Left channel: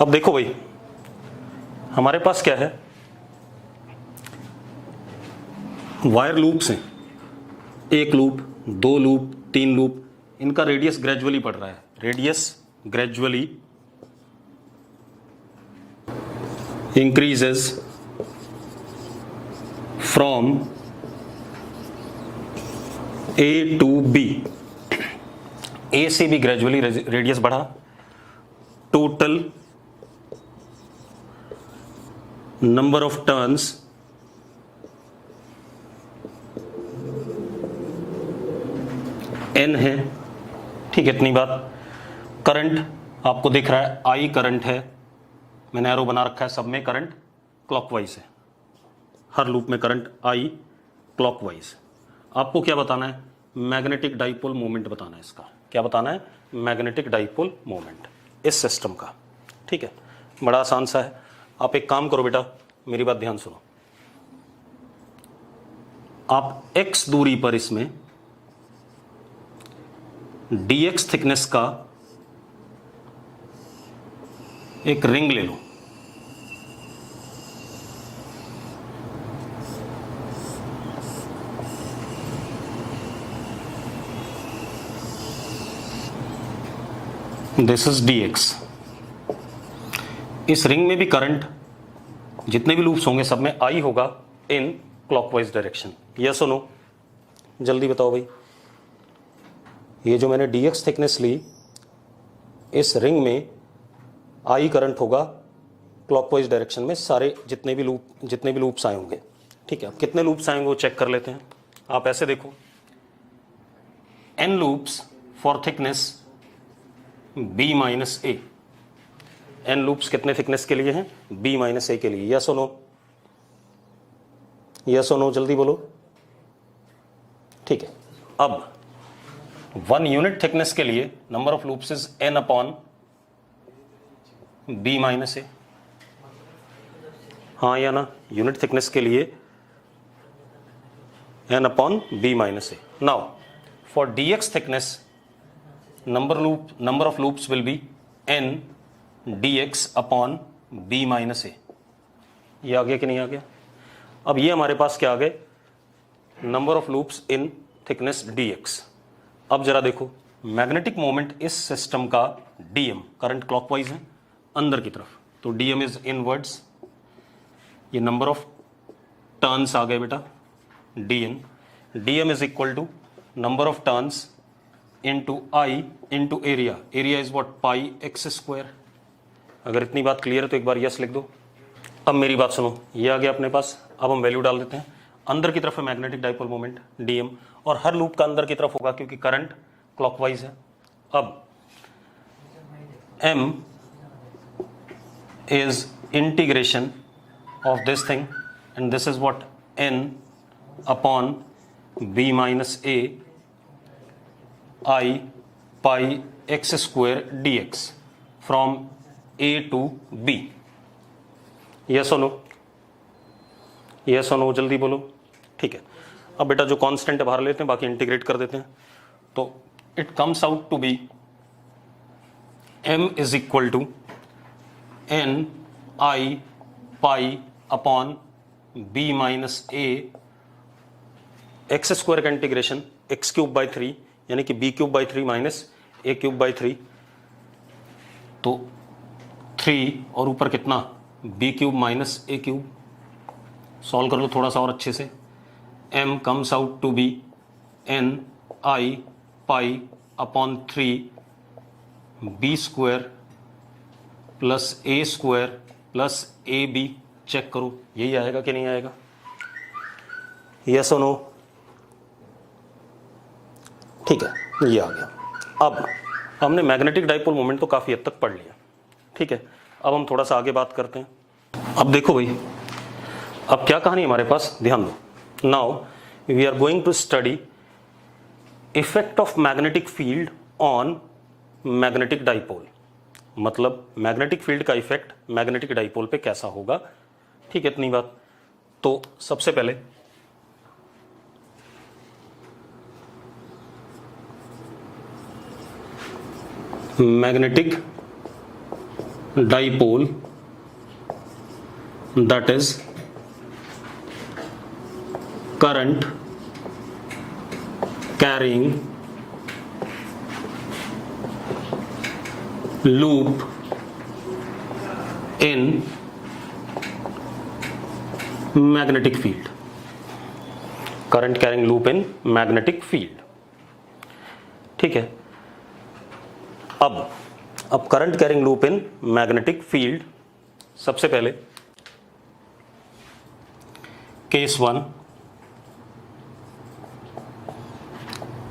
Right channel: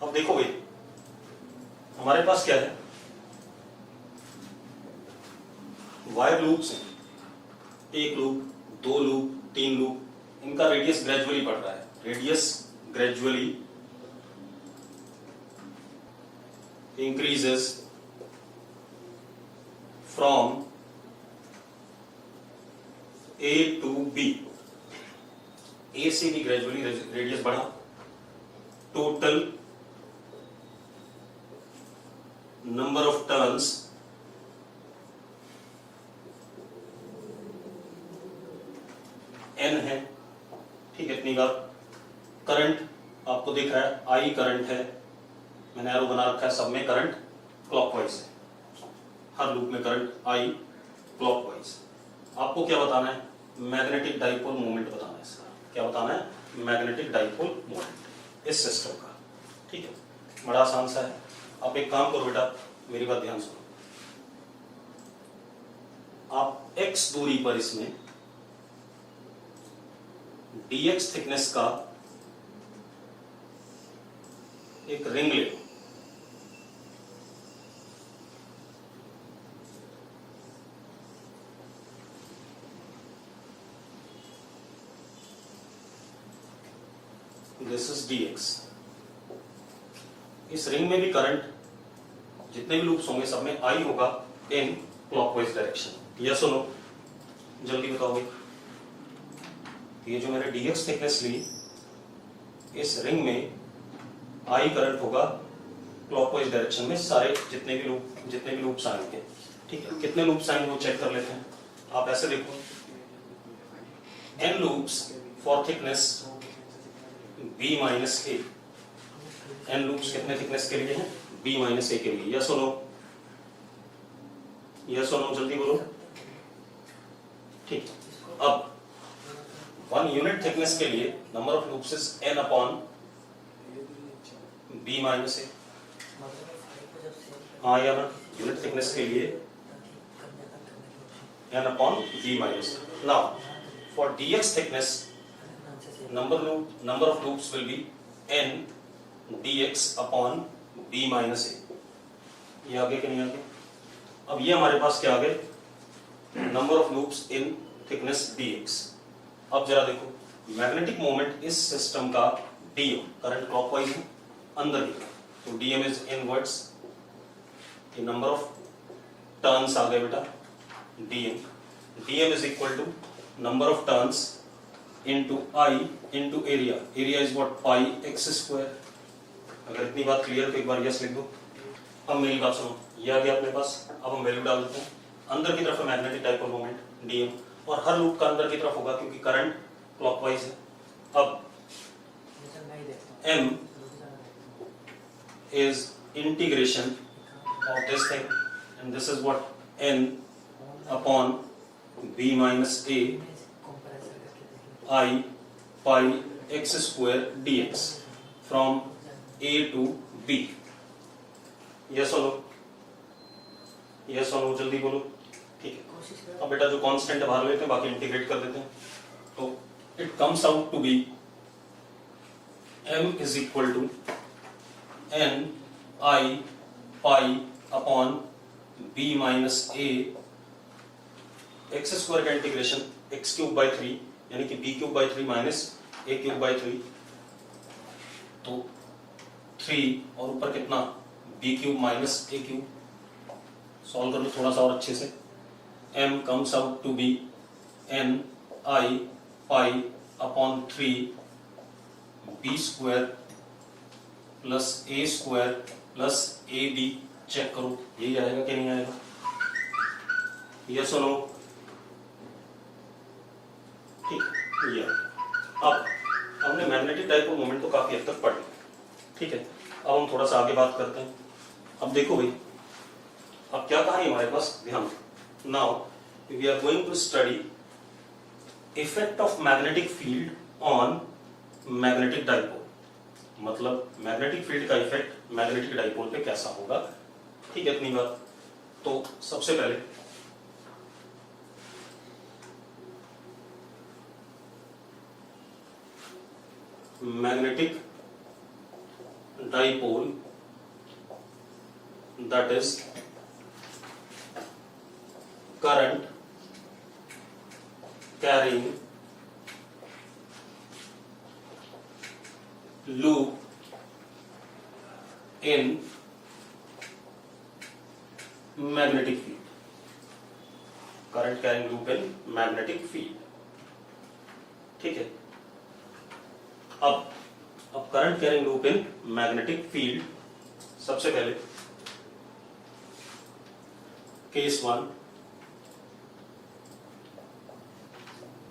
अब देखो भाई, हमारे पास क्या है, वायर लूप्स हैं, एक लूप, दो लूप, तीन लूप, इनका रेडियस ग्रेजुअली बढ़ रहा है, radius gradually increases from A to B, A से भी ग्रेजुअली रेडियस बढ़ा, total number of turns n है, ठीक है, इतनी बात। करंट आपको दिख रहा है I करंट है, मैंने एरो बना रखा है, सब में करंट क्लॉकवाइज है, हर लूप में करंट I क्लॉकवाइज। आपको क्या बताना है, मैग्नेटिक डाइपोल मोमेंट बताना है, इसका क्या बताना है, मैग्नेटिक डाइपोल मोमेंट इस सिस्टम का, ठीक है, बड़ा आसान सा है। आप एक काम करो बेटा, मेरी बात ध्यान सुनो, आप x दूरी पर इसमें dx थिकनेस का एक रिंग ले लो, दिस इज dx। इस रिंग में भी करंट, जितने भी लूप्स होंगे सब में I होगा इन क्लॉकवाइज डायरेक्शन, यस और नो, जल्दी बताओ भाई। ये जो मैंने dx थिकनेस ली, इस रिंग में I करंट होगा क्लॉकवाइज डायरेक्शन में, सारे जितने भी लूप्स आएंगे, ठीक है। कितने लूप्स आएंगे वो चेक कर लेते हैं। आप ऐसे देखो, n loops for thickness b minus A, n loops कितने थिकनेस के लिए हैं, b माइनस ए के लिए, यस और नो, यस और नो, जल्दी बोलो, ठीक है। अब 1 यूनिट थिकनेस के लिए number of loops is n upon b minus A, हाँ या ना, यूनिट थिकनेस के लिए n upon b minus A. Now for dx thickness number of loops will be n dx upon b minus a। ये आ गया कि नहीं आ गया? अब ये हमारे पास क्या आ गए, number of loops in thickness dx। अब जरा देखो, मैग्नेटिक मोमेंट इस सिस्टम का dm, करंट क्लॉकवाइज है अंदर की तरफ, तो dm इज इनवर्ड्स, ये नंबर ऑफ टर्न्स आ गए बेटा, dm is equal to number of turns into I into area, area is what, pi x square। अगर इतनी बात क्लियर है तो एक बार यस लिख दो। अब मेरी बात सुनो, ये आ गया अपने पास, अब हम वैल्यू डाल देते हैं। अंदर की तरफ है मैग्नेटिक डाइपोल मोमेंट dm, और हर लूप का अंदर की तरफ होगा क्योंकि करंट क्लॉकवाइज है। अब m is integration of this thing and this is what, n upon b minus a I pi x square dx from a to b, yes or no, yes or no, जल्दी बोलो, ठीक है। अब बेटा जो constant है बाहर लेते हैं, बाकी इंटीग्रेट कर देते हैं, तो it comes out to be m is equal to n I pi upon b minus a, x square का इंटीग्रेशन x क्यूब बाई 3 यानी कि b cube by 3 minus a cube by 3, तो 3 और ऊपर कितना, b cube minus a cube. Solve कर लो थोड़ा सा और अच्छे से, m comes out to be n I pi upon 3 b square plus a square plus a b. Check करो यही आएगा कि नहीं आएगा, यस और नो, ठीक है, ये आ गया। अब हमने मैग्नेटिक डाइपोल मोमेंट तो काफी हद तक पढ़ लिया, ठीक है। अब हम थोड़ा सा आगे बात करते हैं। अब देखो भाई, अब क्या कहानी हमारे पास, ध्यान दो। Now we are going to study effect of magnetic field on magnetic dipole, मतलब मैग्नेटिक फील्ड का इफेक्ट मैग्नेटिक डाइपोल पे कैसा होगा, ठीक है, इतनी बात। तो सबसे पहले magnetic dipole that is current carrying loop in magnetic field. Current carrying loop in magnetic field. ठीक है. अब current carrying loop in magnetic field, सबसे पहले case 1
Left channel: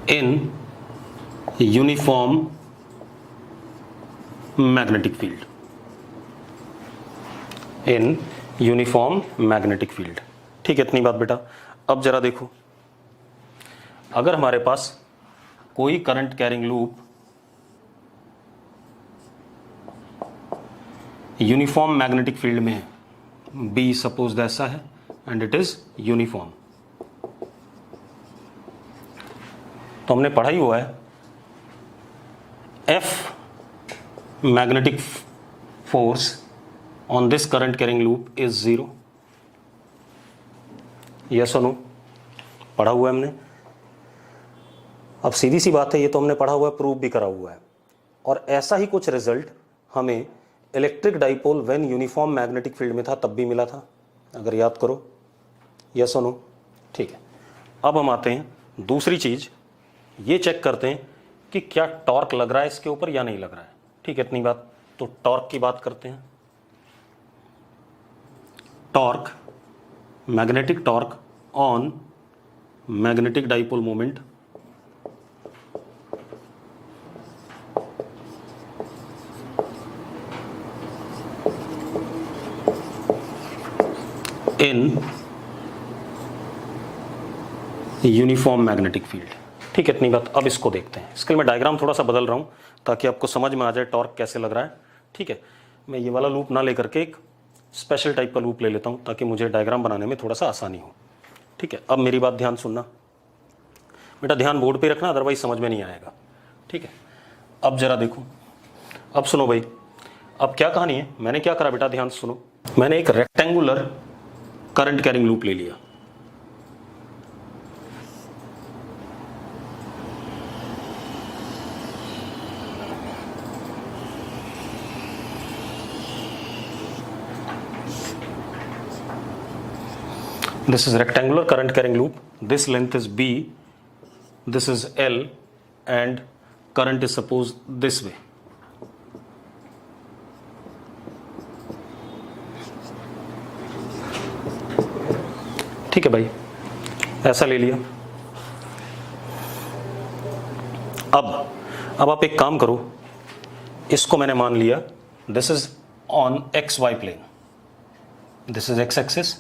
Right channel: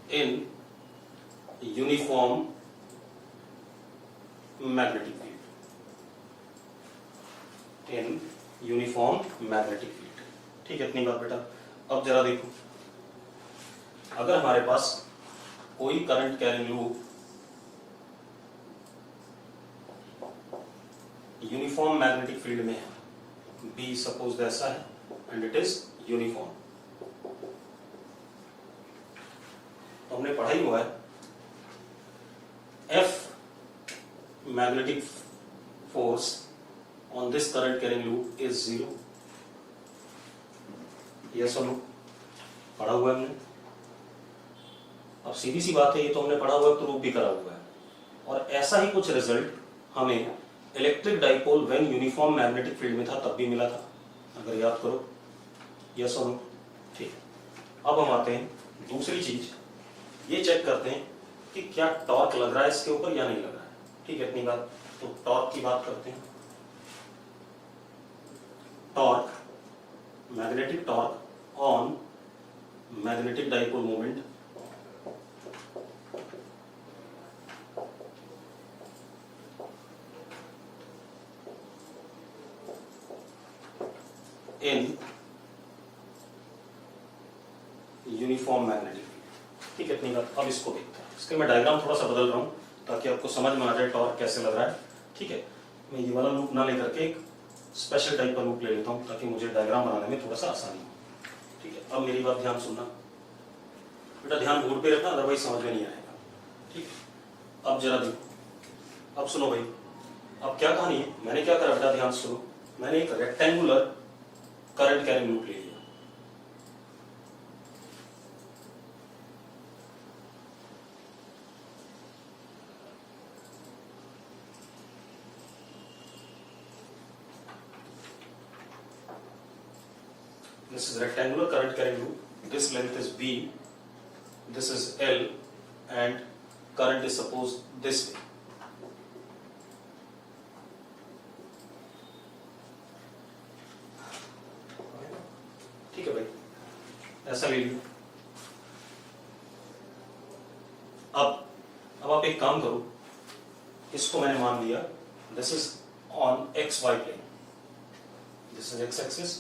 in uniform magnetic field. In uniform magnetic field. ठीक है, इतनी बात बेटा. अब जरा देखो, अगर हमारे पास कोई current carrying loop uniform magnetic field में है, बी सपोज ऐसा है एंड इट इज यूनिफॉर्म, तो हमने पढ़ा ही हुआ है F magnetic force on this current carrying loop is 0. Yes और नो, पढ़ा हुआ है हमने. अब सीधी सी बात है, ये तो हमने पढ़ा हुआ है, प्रूव भी करा हुआ है. और ऐसा ही कुछ रिजल्ट हमें electric dipole when uniform magnetic field में था तब भी मिला था, अगर याद करो. यस और नो. ठीक है. अब हम आते हैं दूसरी चीज, ये चेक करते हैं कि क्या टॉर्क लग रहा है इसके ऊपर या नहीं लग रहा है. ठीक है, इतनी बात. तो टॉर्क की बात करते हैं. Torque, magnetic torque on magnetic dipole moment in uniform magnetic field. ठीक है, इतनी बात. अब इसको देखते हैं. इसके लिए मैं डायग्राम थोड़ा सा बदल रहा हूं ताकि आपको समझ में आ जाए टॉर्क कैसे लग रहा है. ठीक है, मैं ये वाला लूप ना लेकर के एक स्पेशल टाइप का लूप ले लेता हूं ताकि मुझे डायग्राम बनाने में थोड़ा सा आसानी हो. ठीक है, अब मेरी बात ध्यान सुनना बेटा, ध्यान बोर्ड पे रखना, अदरवाइज समझ में नहीं आएगा. ठीक है. अब जरा देखो, अब सुनो भाई, अब क्या कहानी है. मैंने क्या करा बेटा, ध्यान सुनो. मैंने एक रेक्टेंगुलर करंट कैरिंग लूप ले लिया. This is rectangular current carrying loop. This length is B, this is L, and current is supposed this way. ठीक है भाई, ऐसा ले लिया. अब आप एक काम करो, इसको मैंने मान लिया this is on x y plane, this is x axis,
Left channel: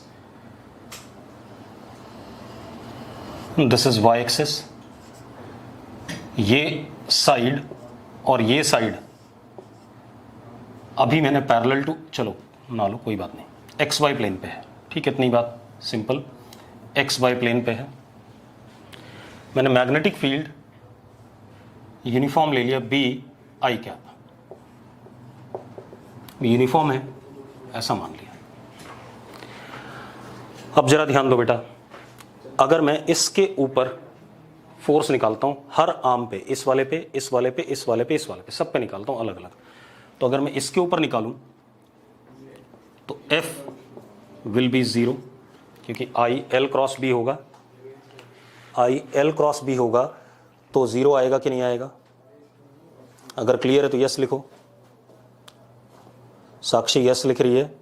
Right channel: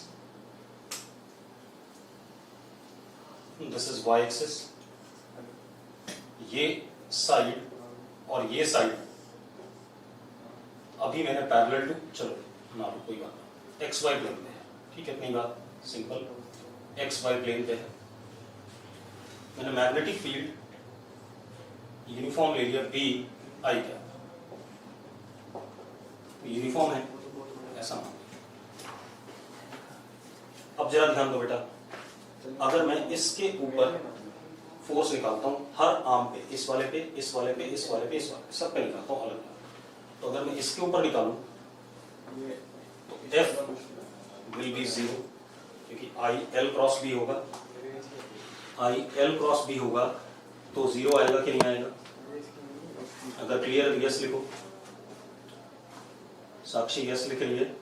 this is y axis. ये साइड और ये साइड अभी मैंने पैरेलल टू, चलो ना लो कोई बात नहीं, एक्स वाई प्लेन पे है. ठीक है, इतनी बात सिंपल. एक्स वाई प्लेन पे है. मैंने मैग्नेटिक फील्ड यूनिफॉर्म ले लिया बी आई कैप, यूनिफॉर्म है ऐसा मान लिया. अब जरा ध्यान दो बेटा, अगर मैं इसके ऊपर फोर्स निकालता हूं हर आर्म पे, इस वाले पे, इस वाले पे, इस वाले पे, इस वाले पे, सब पे निकालता हूं अलग अलग, तो अगर मैं इसके ऊपर निकालूं तो F विल बी 0, क्योंकि आई एल क्रॉस बी होगा, आई एल क्रॉस बी होगा तो 0 आएगा कि नहीं आएगा. अगर क्लियर है तो यस लिखो. साक्षी यस लिख रही है,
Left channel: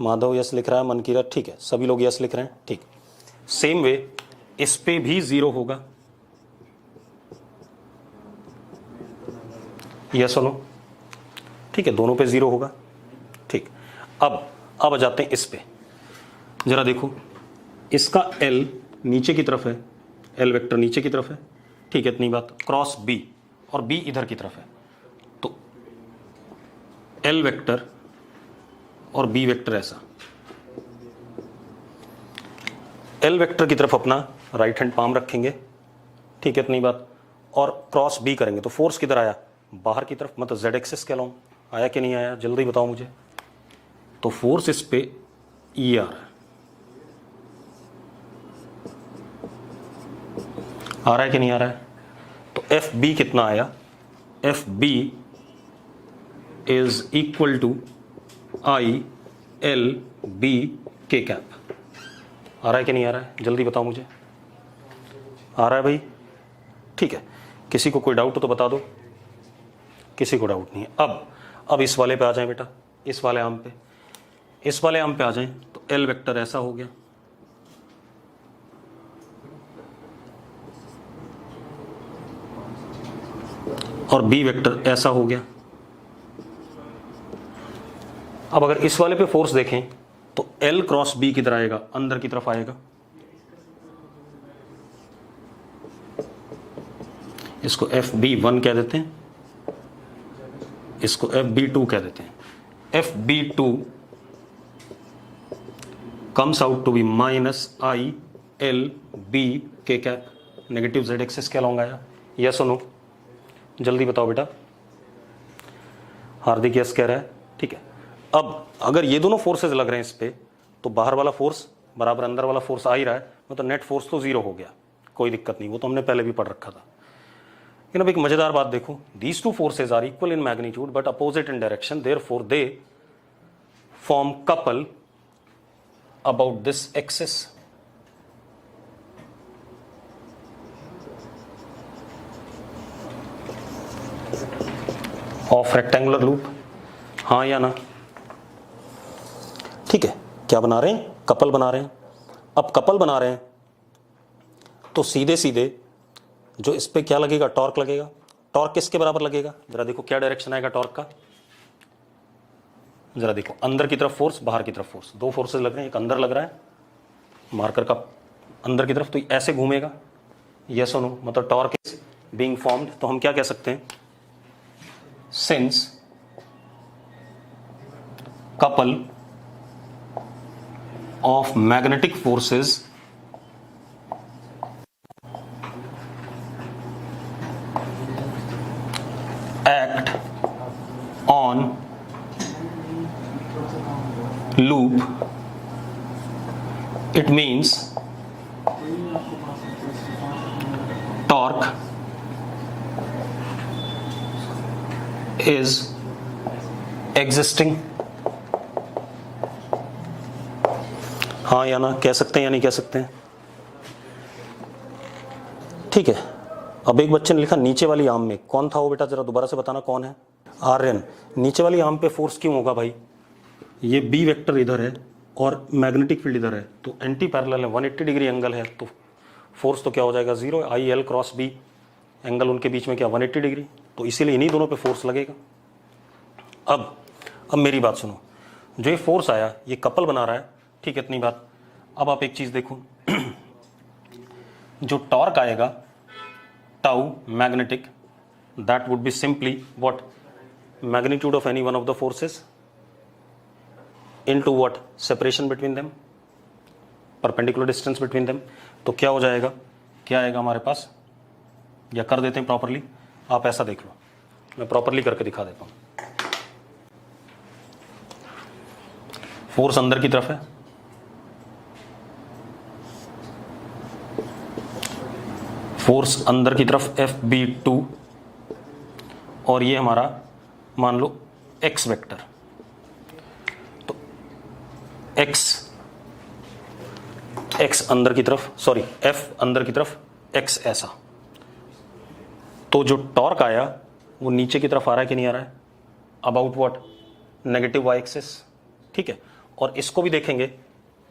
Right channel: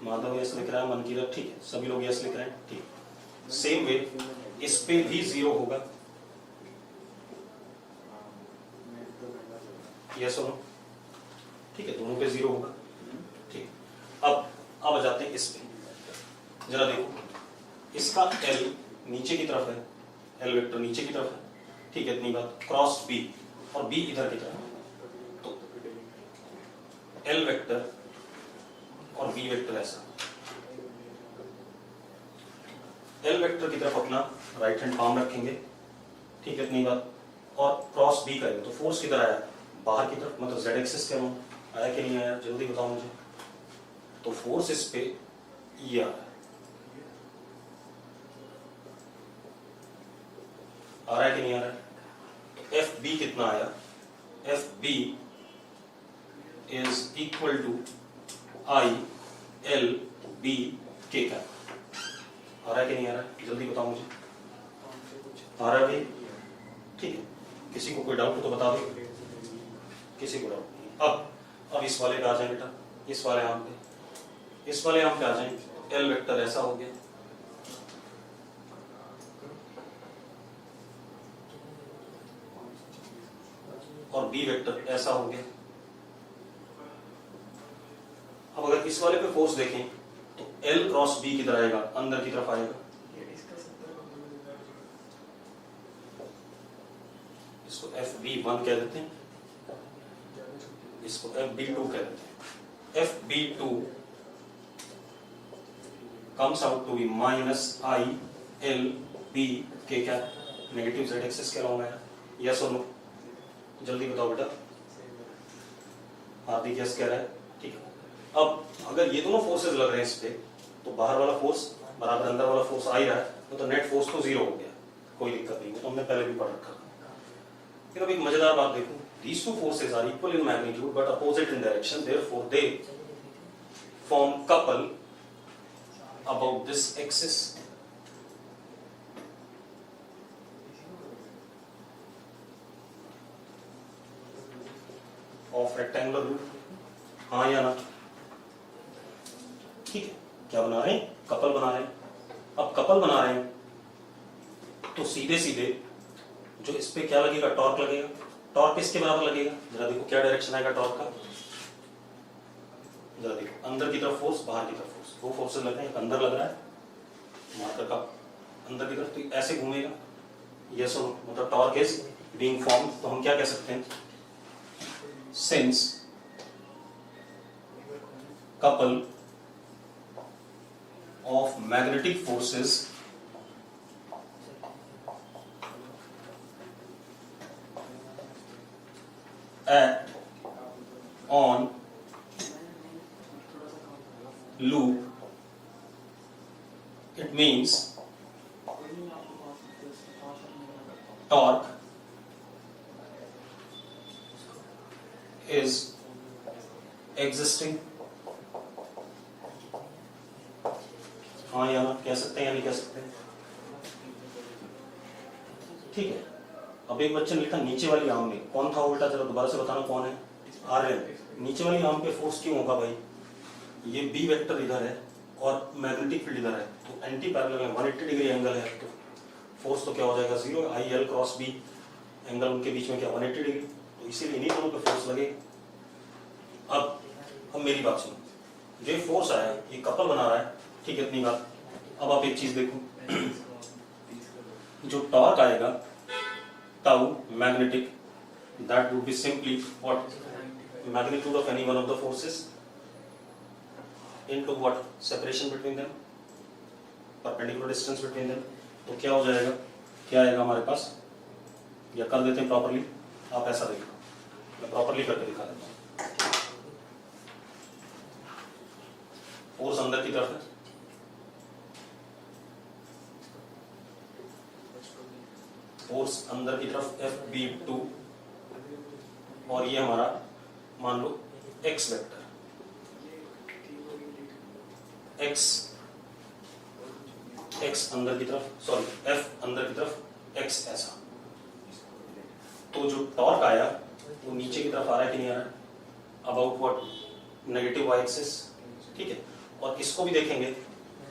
माधव यस लिख रहा है, मनकीरत ठीक है, सभी लोग यस लिख रहे हैं. ठीक. सेम वे इस पे भी 0 होगा. यस और नो. ठीक है, दोनों पे 0 होगा. ठीक. अब आ जाते हैं इस पे. जरा देखो, इसका L नीचे की तरफ है, L वेक्टर नीचे की तरफ है. ठीक है, इतनी बात. क्रॉस B और B इधर की तरफ है, तो L वेक्टर और B वेक्टर ऐसा. L वेक्टर की तरफ अपना राइट हैंड पाम रखेंगे. ठीक है, इतनी बात. और क्रॉस B करेंगे तो फोर्स किधर आया, बाहर की तरफ, मतलब Z एक्सिस के अलोंग. आया कि नहीं आया, जल्दी बताओ मुझे। तो फोर्स इस पे ई आर आ रहा है कि नहीं आ रहा है। तो एफ बी कितना आया, f B is equal to i l b k cap. आ रहा है कि नहीं आ रहा है, जल्दी बताओ मुझे। आ रहा है भाई, ठीक है। किसी को कोई डाउट हो तो बता दो, किसी को डाउट नहीं है। अब इस वाले पे आ जाए बेटा, इस वाले आम पे, इस वाले आम पे आ जाए। तो एल वेक्टर ऐसा हो गया, और बी वेक्टर ऐसा हो गया। अब अगर इस वाले पे फोर्स देखें तो एल क्रॉस बी किधर आएगा, अंदर की तरफ आएगा। इसको एफ बी वन कह देते हैं, इसको एफ बी टू कह देते हैं। F b two comes out to be minus i l b k क्या, नेगेटिव जेड एक्सिस के अलॉन्ग आया। यस और नो, जल्दी बताओ बेटा। हार्दिक यस कह रहा है, ठीक है। अब अगर ये दोनों फोर्सेज लग रहे हैं इस पे, तो बाहर वाला फोर्स बराबर अंदर वाला फोर्स आ ही रहा है, मतलब नेट फोर्स तो जीरो हो गया, कोई दिक्कत नहीं, वो तो हमने पहले भी पढ़ रखा था। लेकिन अब एक मजेदार बात देखो, these two forces are equal in magnitude but opposite in direction, therefore they form couple about this axis. Of rectangular loop, हाँ या ना, ठीक है। क्या बना रहे हैं, कपल बना रहे हैं। अब कपल बना रहे हैं तो सीधे सीधे जो इस पे क्या लगेगा, टॉर्क लगेगा। टॉर्क किसके बराबर लगेगा, जरा देखो क्या डायरेक्शन आएगा टॉर्क का, जरा देखो। अंदर की तरफ फोर्स, बाहर की तरफ फोर्स, दो फोर्सेस लग रहे हैं, एक अंदर लग रहा है मार्कर का अंदर की तरफ, तो ऐसे घूमेगा। यस और नो, मतलब टॉर्क इज बीइंग फॉर्म्ड। तो हम क्या कह सकते हैं, since couple of magnetic forces act on loop, it means torque is existing। हाँ या ना, कह सकते हैं या नहीं कह सकते हैं, ठीक है। अब एक बच्चे ने लिखा नीचे वाली आर्म में कौन था वो, बेटा जरा दोबारा से बताना कौन है। आर्यन, नीचे वाली आर्म पे फोर्स क्यों होगा भाई, ये बी वेक्टर इधर है और मैग्नेटिक फील्ड इधर है, तो एंटी पैरेलल है, 180 डिग्री एंगल है, तो फोर्स तो क्या हो जाएगा, zero. I l cross b, angle उनके बीच में क्या, 180 डिग्री, तो इसीलिए इन्हीं दोनों पे फोर्स लगेगा। अब मेरी बात सुनो, जो ये फोर्स आया ये कपल बना रहा है, ठीक है, इतनी बात। अब आप एक चीज देखो, जो टॉर्क आएगा tau magnetic, that would be simply what, magnitude of any one of the forces into what, separation between them, perpendicular distance between them. तो क्या हो जाएगा, क्या आएगा हमारे पास, या कर देते हैं प्रॉपरली, आप ऐसा देख लो, मैं प्रॉपरली करके दिखा देता हूं। फोर्स अंदर की तरफ है, फोर्स अंदर की तरफ एफ बी टू, और ये हमारा मान लो एक्स वेक्टर, तो एक्स अंदर की तरफ, सॉरी एफ अंदर की तरफ, एक्स ऐसा। तो जो टॉर्क आया वो नीचे की तरफ आ रहा है कि नहीं आ रहा है, about what, negative Y axis, ठीक है। और इसको भी देखेंगे,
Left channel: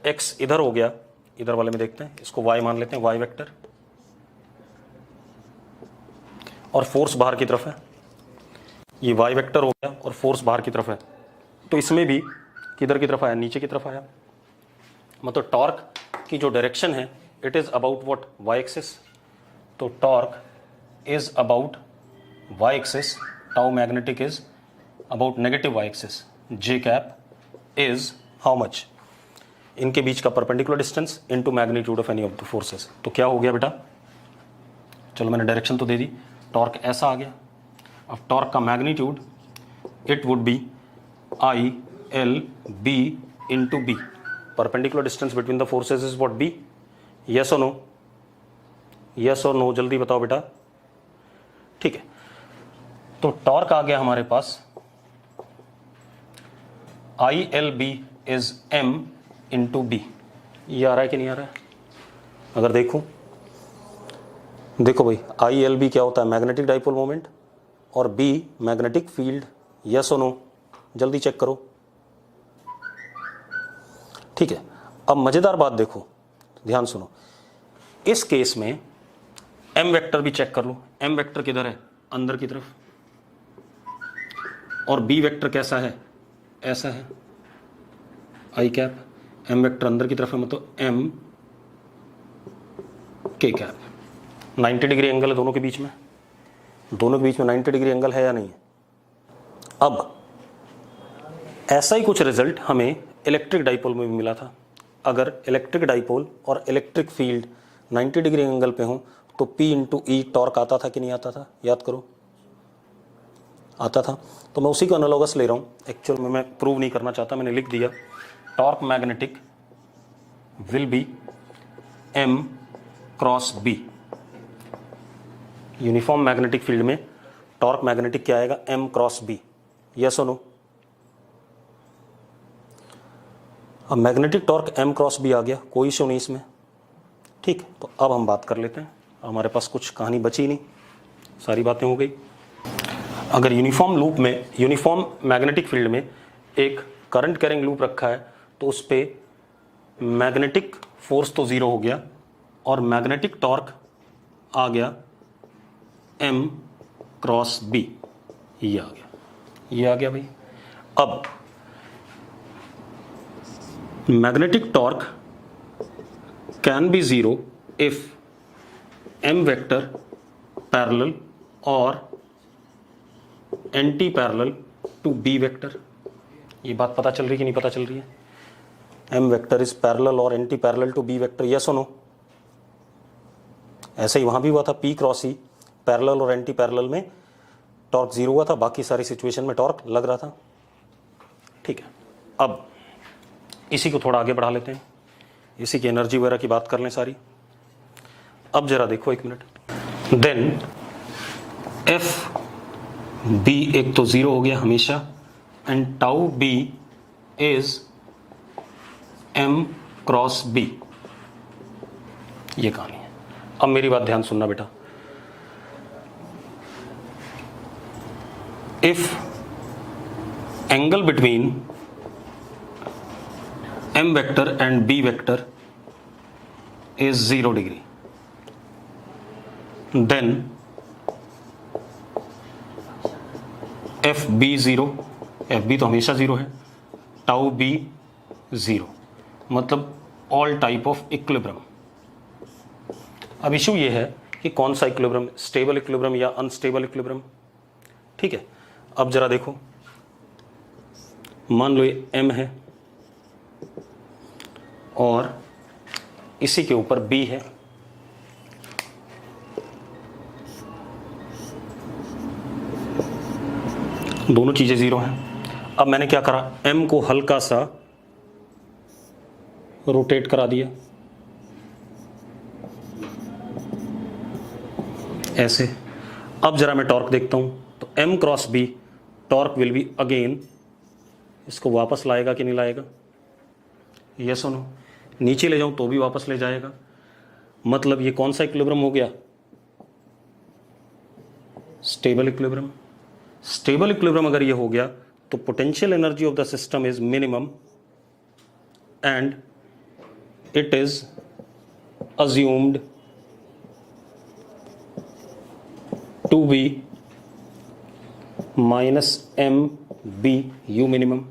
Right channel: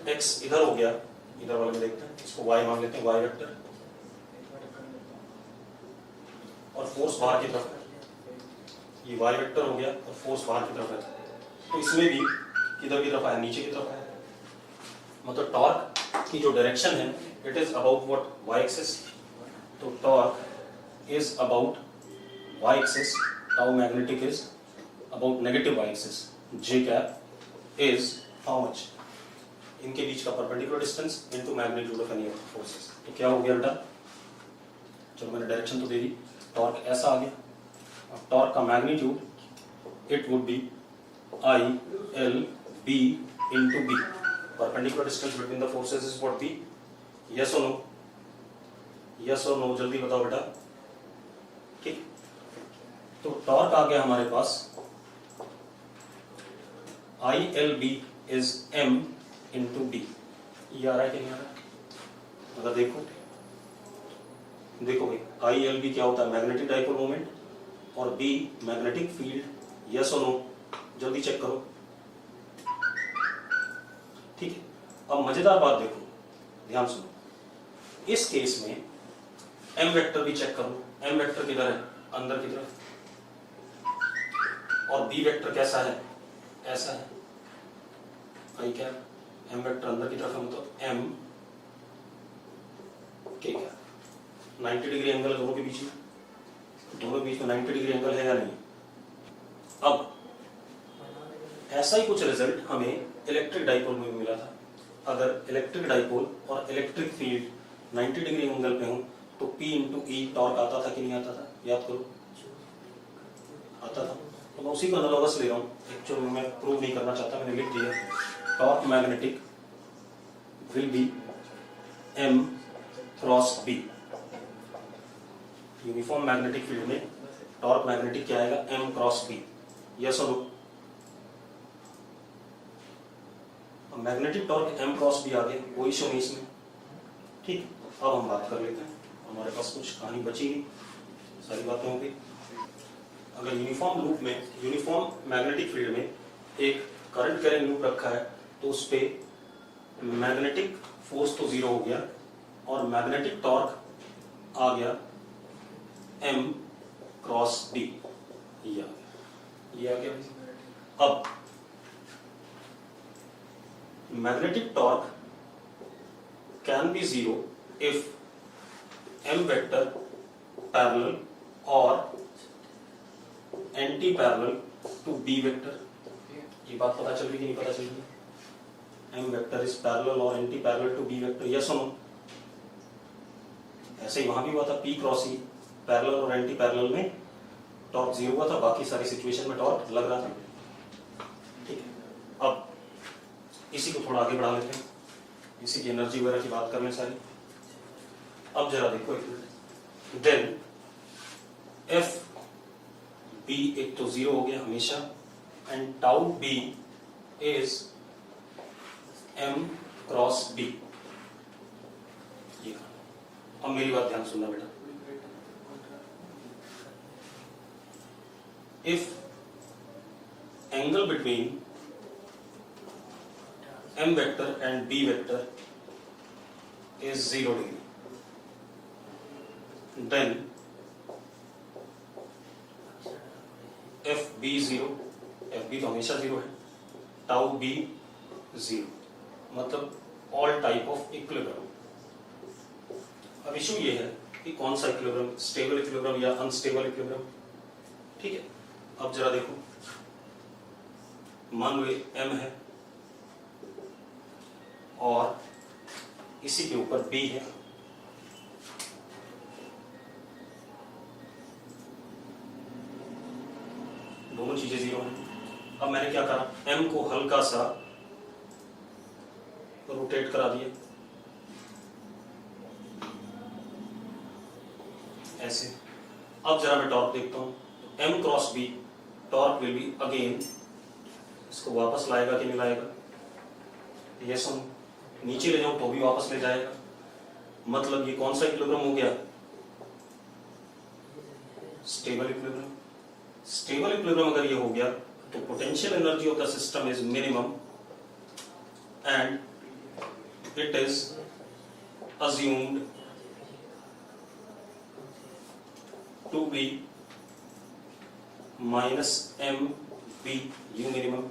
एक्स इधर हो गया, इधर वाले में देखते हैं, इसको वाई मान लेते हैं, वाई वेक्टर, और फोर्स बाहर की तरफ है, ये वाई वेक्टर हो गया और फोर्स बाहर की तरफ है, तो इसमें भी किधर की तरफ आया, नीचे की तरफ आया। मतलब टॉर्क की जो डायरेक्शन है it is about what, Y axis, तो torque is about Y axis, tau magnetic is about negative Y axis, J cap is how much, इनके बीच का perpendicular distance into magnitude of any of the forces. तो क्या हो गया बेटा, चलो मैंने डायरेक्शन तो दे दी, टॉर्क ऐसा आ गया। अब टॉर्क का magnitude it would be I L B into B. Perpendicular distance between the forces is what, B? Yes or no? Yes or no? जल्दी बताओ बेटा. ठीक है, तो टॉर्क आ गया हमारे पास I L B is M into B. ये आ रहा है कि नहीं आ रहा है? अगर देखो भाई, I L B क्या होता है? मैग्नेटिक डाइपोल मोमेंट, और B मैग्नेटिक फील्ड. यस और नो? जल्दी चेक करो. ठीक है, अब मजेदार बात देखो, ध्यान सुनो. इस केस में M वेक्टर भी चेक करो. M वेक्टर किधर है? अंदर की तरफ. और B वेक्टर कैसा है? ऐसा है. I cap. M वेक्टर अंदर की तरफ है, मतलब M K cap. 90 degree angle है दोनों के बीच में. दोनों के बीच में 90 डिग्री एंगल है या नहीं? अब ऐसा ही कुछ रिजल्ट हमें इलेक्ट्रिक डाइपोल में भी मिला था. अगर इलेक्ट्रिक डाइपोल और इलेक्ट्रिक फील्ड 90 डिग्री एंगल पे हों तो P इंटू ई टॉर्क आता था कि नहीं आता था? याद करो, आता था. तो मैं उसी को एनालॉगस ले रहा हूँ. एक्चुअल में मैं प्रूव नहीं करना चाहता, मैंने लिख दिया. Torque magnetic will be M cross B. Uniform magnetic field में टॉर्क मैग्नेटिक क्या आएगा? M cross B. यस और नो? अब magnetic torque M cross B आ गया, कोई इशू नहीं इसमें. ठीक, तो अब हम बात कर लेते हैं. हमारे पास कुछ कहानी बची नहीं, सारी बातें हो गई. अगर यूनिफॉर्म लूप में, यूनिफॉर्म मैग्नेटिक फील्ड में एक करंट कैरिंग लूप रखा है तो उस पर मैग्नेटिक फोर्स तो ज़ीरो हो गया और मैग्नेटिक टॉर्क आ गया M क्रॉस B. ये आ गया, ये आ गया भाई. अब magnetic torque can be zero if M vector parallel और anti parallel to B vector. ये बात पता चल रही कि नहीं पता चल रही है? M वेक्टर इज पैरेलल और anti parallel to B vector. Yes और नो? ऐसे ही वहां भी हुआ था. P क्रॉस E पैरेलल और एंटी पैरेलल में टॉर्क जीरो हुआ था, बाकी सारी सिचुएशन में टॉर्क लग रहा था. ठीक है, अब इसी को थोड़ा आगे बढ़ा लेते हैं, इसी की एनर्जी वगैरह की बात कर लें सारी. अब जरा देखो एक मिनट. देन एफ बी एक तो जीरो हो गया हमेशा, and tau b is M cross B. ये कहानी है. अब मेरी बात ध्यान सुनना बेटा. If angle between M vector and B vector is 0 degree, then FB 0, FB तो हमेशा 0 है, टाउ B 0, मतलब ऑल टाइप ऑफ इक्विलिब्रियम. अब इशू ये है कि कौन सा इक्विलिब्रियम, स्टेबल इक्विलिब्रियम या अनस्टेबल इक्विलिब्रियम. ठीक है, अब जरा देखो, मान लो ये M है और इसी के ऊपर B है. दोनों चीजें जीरो हैं. अब मैंने क्या करा, M को हल्का सा रोटेट करा दिया ऐसे. अब जरा मैं टॉर्क देखता हूं तो M cross B torque will be again, इसको वापस लाएगा कि नहीं लाएगा? ये सुनो, नीचे ले जाऊं तो भी वापस ले जाएगा. मतलब ये कौन सा इक्विलिब्रियम हो गया? Stable equilibrium. स्टेबल इक्विलिब्रियम अगर ये हो गया तो potential energy of the system is minimum and it is assumed to be minus MB U minimum.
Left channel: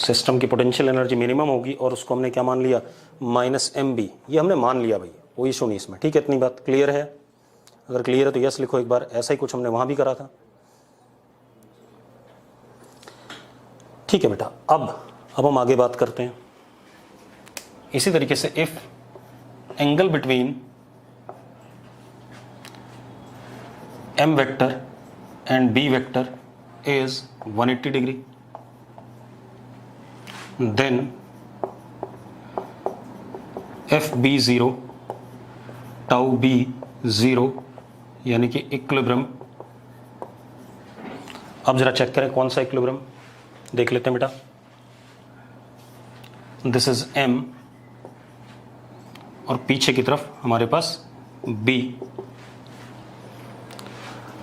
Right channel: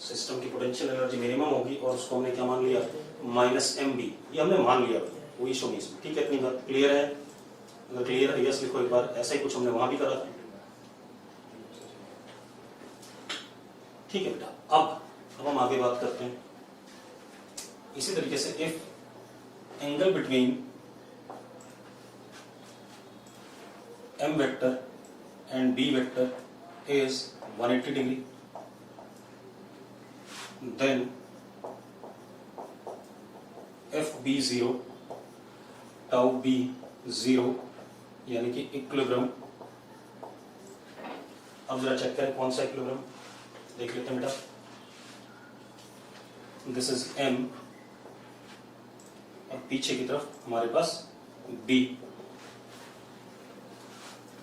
System की पोटेंशियल एनर्जी मिनिमम होगी और उसको हमने क्या मान लिया? Minus MB. ये हमने मान लिया भाई, कोई इशू नहीं इसमें. ठीक है, इतनी बात क्लियर है? अगर क्लियर है तो यस लिखो एक बार. ऐसा ही कुछ हमने वहां भी करा था. ठीक है बेटा, अब हम आगे बात करते हैं. इसी तरीके से if angle between M vector and B vector is 180 degree, then FB0 tau B 0 यानी कि इक्विलिब्रियम। अब जरा चेक करें कौन सा इक्विलिब्रियम, देख लेते हैं बेटा। दिस इज M और पीछे की तरफ हमारे पास B।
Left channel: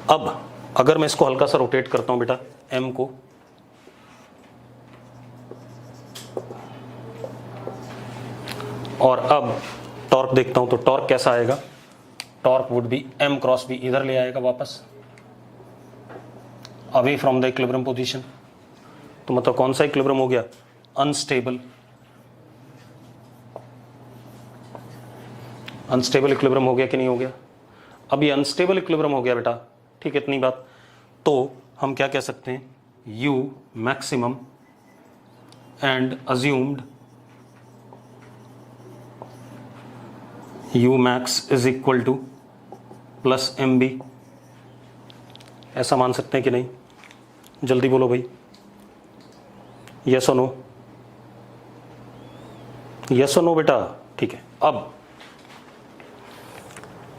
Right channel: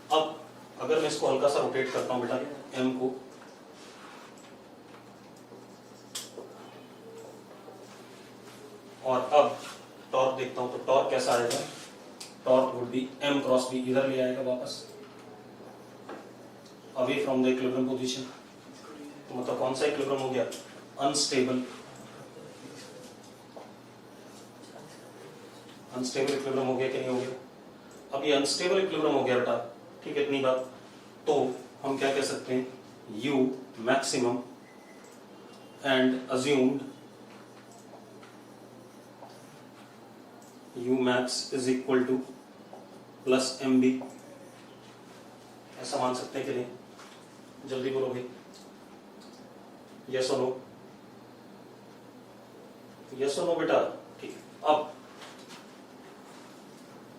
अब अगर मैं इसको हल्का सा रोटेट करता हूं बेटा M को, और अब टॉर्क देखता हूं तो टॉर्क कैसा आएगा, torque would be M cross B, इधर ले आएगा वापस away from the equilibrium position. तो मतलब कौन सा इक्विलिब्रियम हो गया, अनस्टेबल। अनस्टेबल इक्विलिब्रियम हो गया कि नहीं हो गया। अब ये अनस्टेबल इक्विलिब्रियम हो गया बेटा, ठीक है, इतनी बात। तो हम क्या कह सकते हैं, U maximum and assumed U max is equal two plus MB, ऐसा मान सकते हैं कि नहीं, जल्दी बोलो भाई, यस और नो, यस और नो बेटा, ठीक है।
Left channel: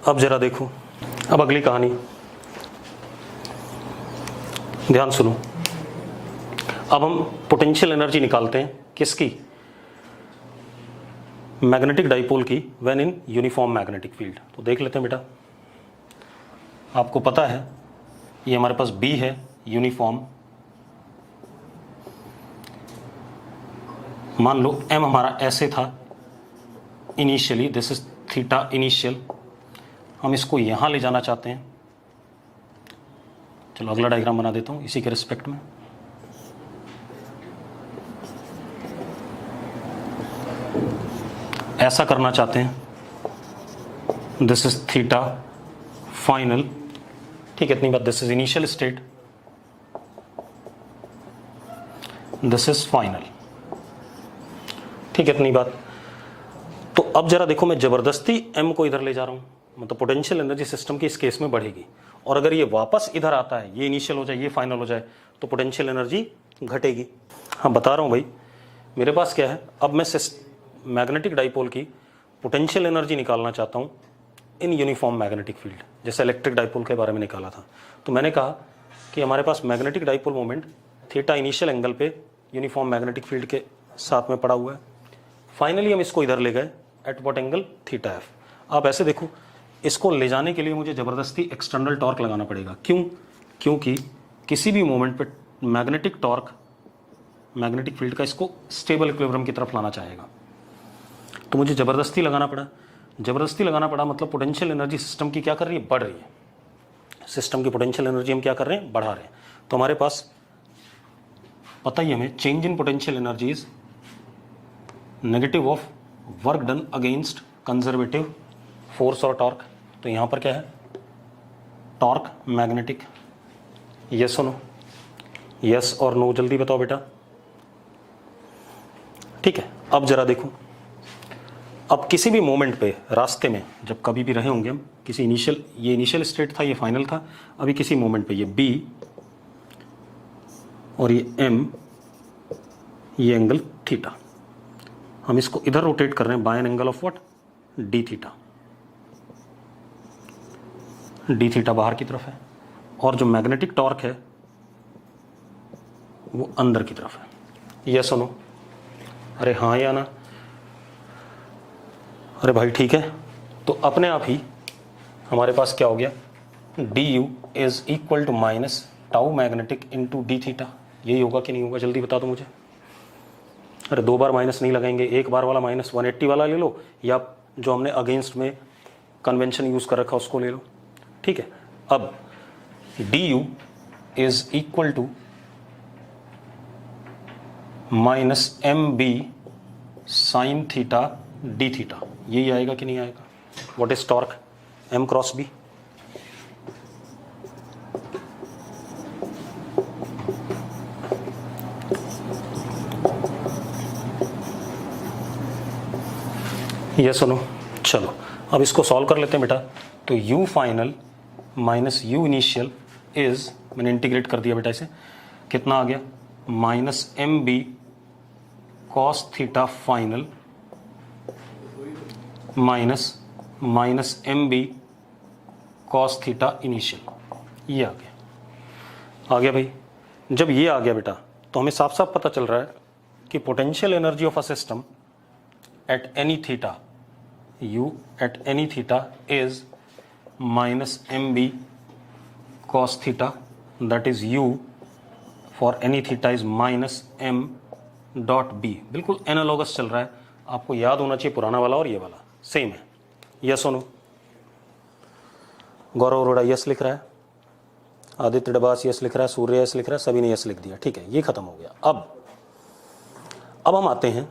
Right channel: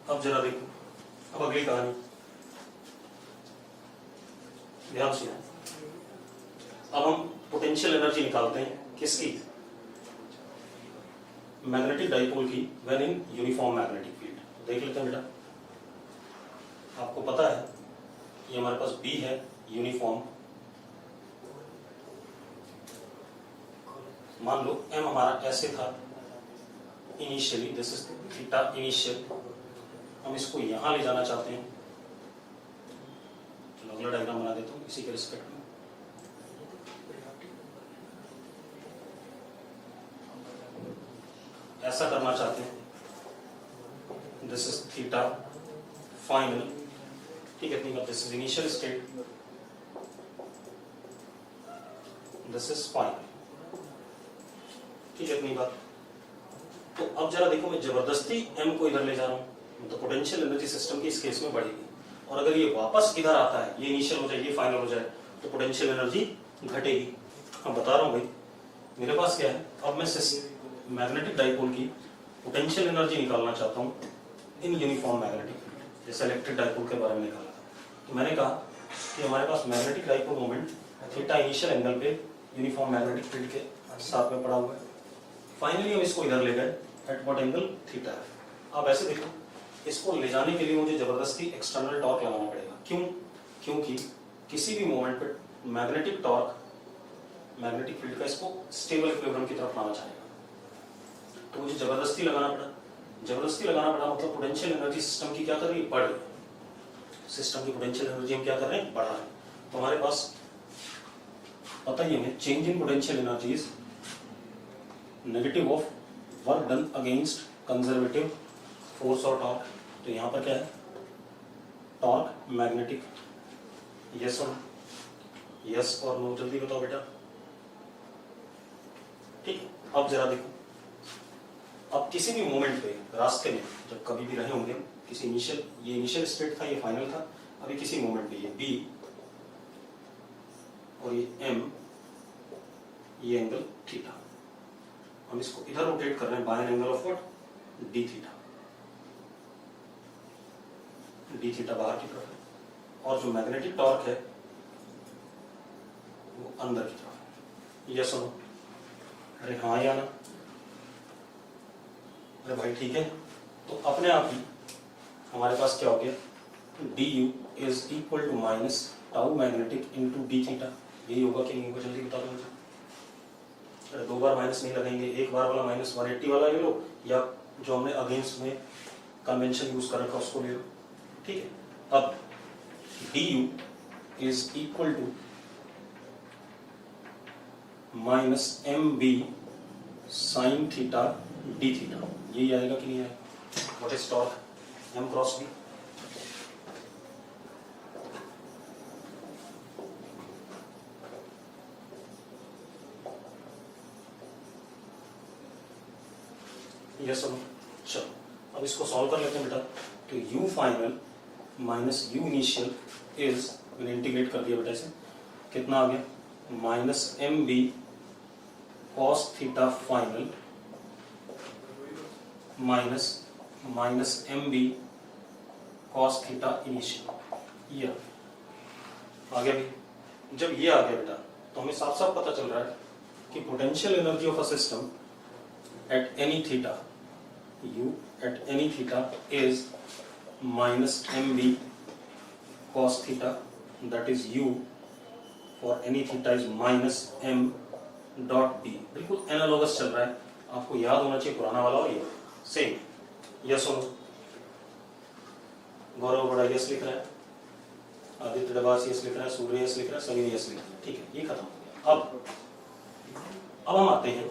अब जरा देखो, अब अगली कहानी ध्यान सुनो। अब हम पोटेंशियल एनर्जी निकालते हैं किसकी, मैग्नेटिक डाइपोल की, when in uniform magnetic field. तो देख लेते हैं बेटा, आपको पता है ये हमारे पास B है यूनिफॉर्म, मान लो M हमारा ऐसे था initially, this is theta initial, हम इसको यहां ले जाना चाहते हैं। चलो अगला डायग्राम बना देता हूं इसी के रिस्पेक्ट में। ऐसा करना चाहते हैं, दिस इज थीटा फाइनल, ठीक है, इतनी बात। This is initial state, this is final, ठीक है, इतनी बात। तो अब जरा देखो, मैं जबरदस्ती M को इधर ले जा रहा हूं, मतलब पोटेंशियल एनर्जी सिस्टम की इस केस में बढ़ेगी, और अगर ये वापस इधर आता है, ये इनिशियल हो जाए, ये फाइनल हो जाए, तो पोटेंशियल एनर्जी घटेगी। हाँ बता रहा हूं भाई, मेरे पास क्या है, अब मैं मैग्नेटिक डाइपोल की पोटेंशियल एनर्जी निकालना चाहता हूं इन यूनिफॉर्म मैग्नेटिक फील्ड, जैसे इलेक्ट्रिक डाइपोल के बारे में निकाला था। तो मैंने कहा कि हमारे पास magnetic dipole moment theta initial angle पे यूनिफॉर्म मैग्नेटिक फील्ड के साथ में पड़ा हुआ है। फाइनली हम इसको इधर ले गए at what angle, theta F. अब ऐसे देखो, इसको ले जाने के लिए मुझे जबरदस्ती एक्सटर्नल टॉर्क लगाना पड़ेगा। क्यों, क्योंकि किसी भी मोमेंट पे मैग्नेटिक टॉर्क मैग्नेटिक फील्ड का इसको स्टेबल इक्विलिब्रियम की तरफ लाना चाहेगा, तो मुझे जबरदस्ती लगाना पड़ा। जबरदस्ती लगाना पड़ा मतलब पोटेंशियल एनर्जी सिस्टम की क्या कर रही है, बढ़ रही है। सिस्टम की पोटेंशियल एनर्जी हम क्या कर रहे हैं, बढ़ा रहे हैं। तो हमारे पास पता ही हमें, change in potential energy is negative of work done against conservative force और टॉर्क। तो यहां पर क्या है, टॉर्क मैग्नेटिक, यस और नो, यस और नो, जल्दी बताओ बेटा, ठीक है। अब जरा देखो, अब किसी भी मोमेंट पे रास्ते में जब कभी भी रहे होंगे हम, किसी इनिशियल, ये इनिशियल स्टेट था, ये फाइनल था, अभी किसी मोमेंट पे ये B और ये M, ये एंगल थीटा, हम इसको इधर रोटेट कर रहे हैं by an angle of what, d theta. D theta बाहर की तरफ है, और जो मैग्नेटिक टॉर्क है वो अंदर की तरफ है। यस और नो, अरे हाँ या ना, अरे भाई ठीक है। तो अपने आप ही हमारे पास क्या हो गया, d u is equal to minus tau magnetic into d theta. यही होगा कि नहीं होगा, जल्दी बता दो मुझे। अरे दो बार माइनस नहीं लगाएंगे, एक बार वाला माइनस 180 वाला ले लो, या जो हमने अगेंस्ट में कन्वेंशन यूज कर रखा उसको ले लो, ठीक है। अब d u is equal to minus m b sine theta d theta, यही आएगा कि नहीं आएगा। What is torque, m cross b. ये सुनो, चलो अब इसको सॉल्व कर लेते हैं बेटा। तो u final minus u initial is, मैंने इंटीग्रेट कर दिया बेटा इसे, कितना आ गया minus m b cos theta final minus m b cos theta initial. ये आ गया भाई। जब ये आ गया बेटा तो हमें साफ साफ पता चल रहा है कि potential energy of a system at any theta u at any theta is minus mb cos theta, that is u for any theta is minus m dot b। बिल्कुल एनालॉगस चल रहा है, आपको याद होना चाहिए पुराना वाला और ये वाला सेम है। यस और नो? गौरव अरोड़ा यस लिख रहा है, आदित्य डबास यस लिख रहा है, सूर्य यस लिख रहा है, सभी ने यस लिख दिया। ठीक है, ये खत्म हो गया। अब हम आते हैं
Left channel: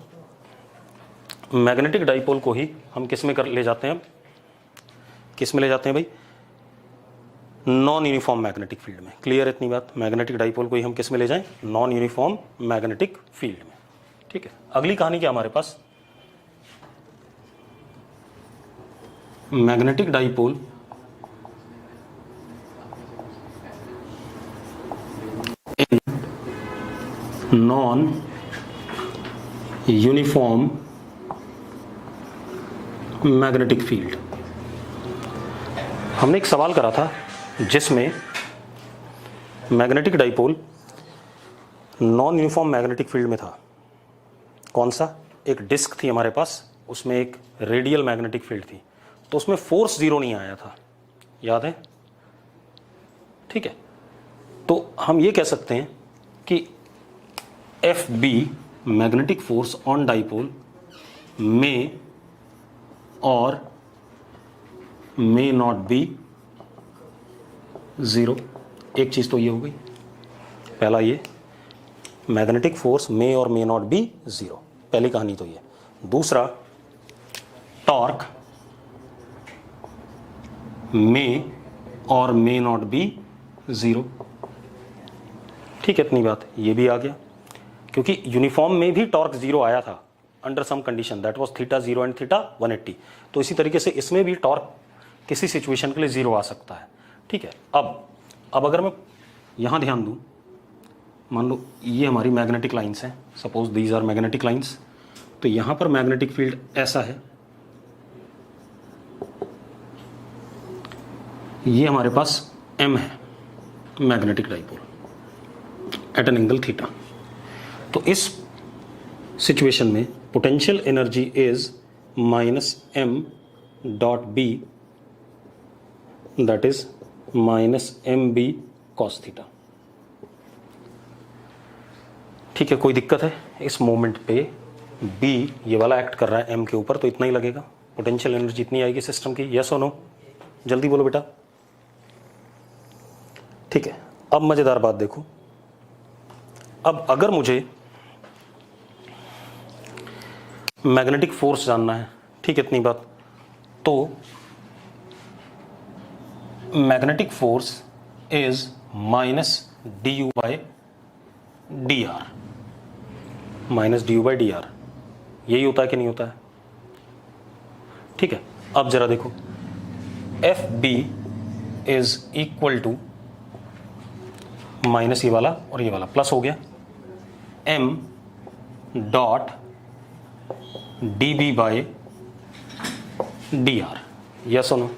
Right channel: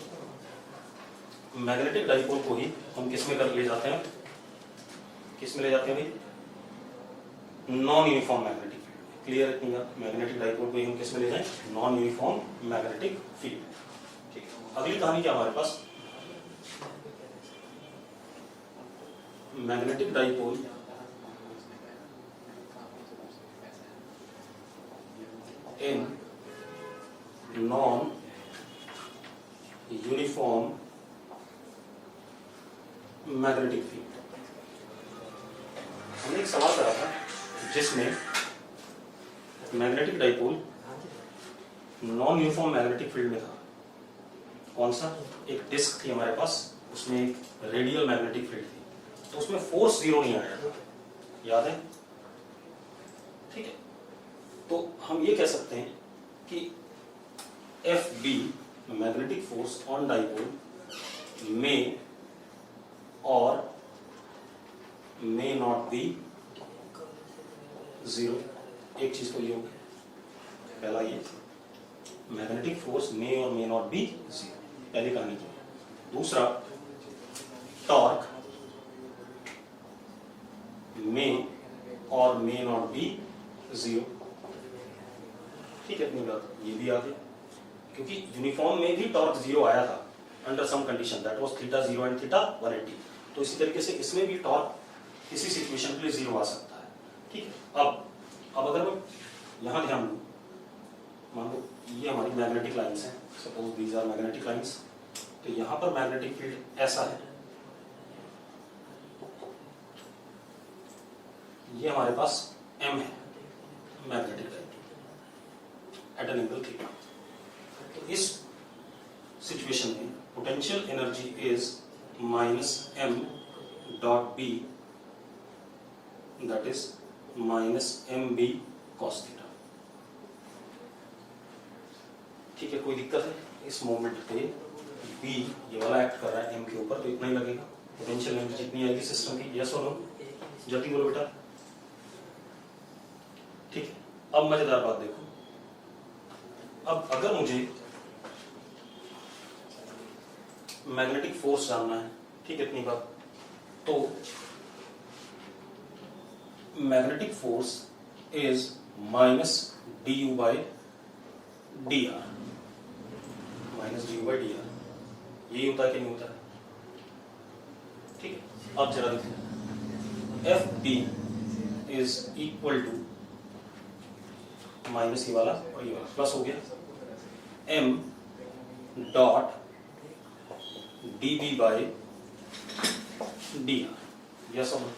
मैग्नेटिक डाइपोल को ही हम किस में ले जाते हैं, किस में ले जाते हैं भाई, नॉन यूनिफॉर्म मैग्नेटिक फील्ड में। क्लियर इतनी बात? मैग्नेटिक डाइपोल को ही हम किस में ले जाएं, नॉन यूनिफॉर्म मैग्नेटिक फील्ड में। ठीक है, अगली कहानी क्या हमारे पास, magnetic dipole in non uniform magnetic field. हमने एक सवाल करा था जिसमें magnetic dipole non uniform magnetic field में था। कौन सा? एक डिस्क थी हमारे पास, उसमें एक रेडियल मैग्नेटिक फील्ड थी, तो उसमें फोर्स जीरो नहीं आया था, याद है? ठीक है, तो हम ये कह सकते हैं कि f b magnetic force on dipole में और मे नॉट बी जीरो। एक चीज तो ये हो गई, पहला ये मैग्नेटिक फोर्स मे और मे नॉट बी जीरो, पहली कहानी तो ये। दूसरा, टॉर्क मे और मे नॉट बी जीरो। ठीक है, इतनी बात ये भी आ गया, क्योंकि यूनिफॉर्म में भी टॉर्क जीरो आया था under some condition, that was theta 0 and theta 180। तो इसी तरीके से इसमें भी टॉर्क किसी सिचुएशन के लिए जीरो आ सकता है। ठीक है, अब अगर मैं यहां ध्यान दूं, मान लो ये हमारी मैग्नेटिक लाइंस हैं, suppose these are magnetic lines, तो यहां पर मैग्नेटिक फील्ड ऐसा है, ये हमारे पास m है magnetic dipole at an angle theta. तो इस सिचुएशन में potential energy is minus m dot b, that is minus m b cos theta. ठीक है, कोई दिक्कत है? इस मोमेंट पे बी ये वाला एक्ट कर रहा है एम के ऊपर, तो इतना ही लगेगा, पोटेंशियल एनर्जी इतनी आएगी सिस्टम की। यस और नो? जल्दी बोलो बेटा। ठीक है, अब मजेदार बात देखो, अब अगर मुझे मैग्नेटिक फोर्स जानना है, ठीक है इतनी बात, तो magnetic force is minus d u by D are, minus d u by D R. यही होता है कि नहीं होता है? ठीक है, अब जरा देखो, F B is equal to minus ये वाला और ये वाला प्लस हो गया, M dot D B by D R. Yes और no?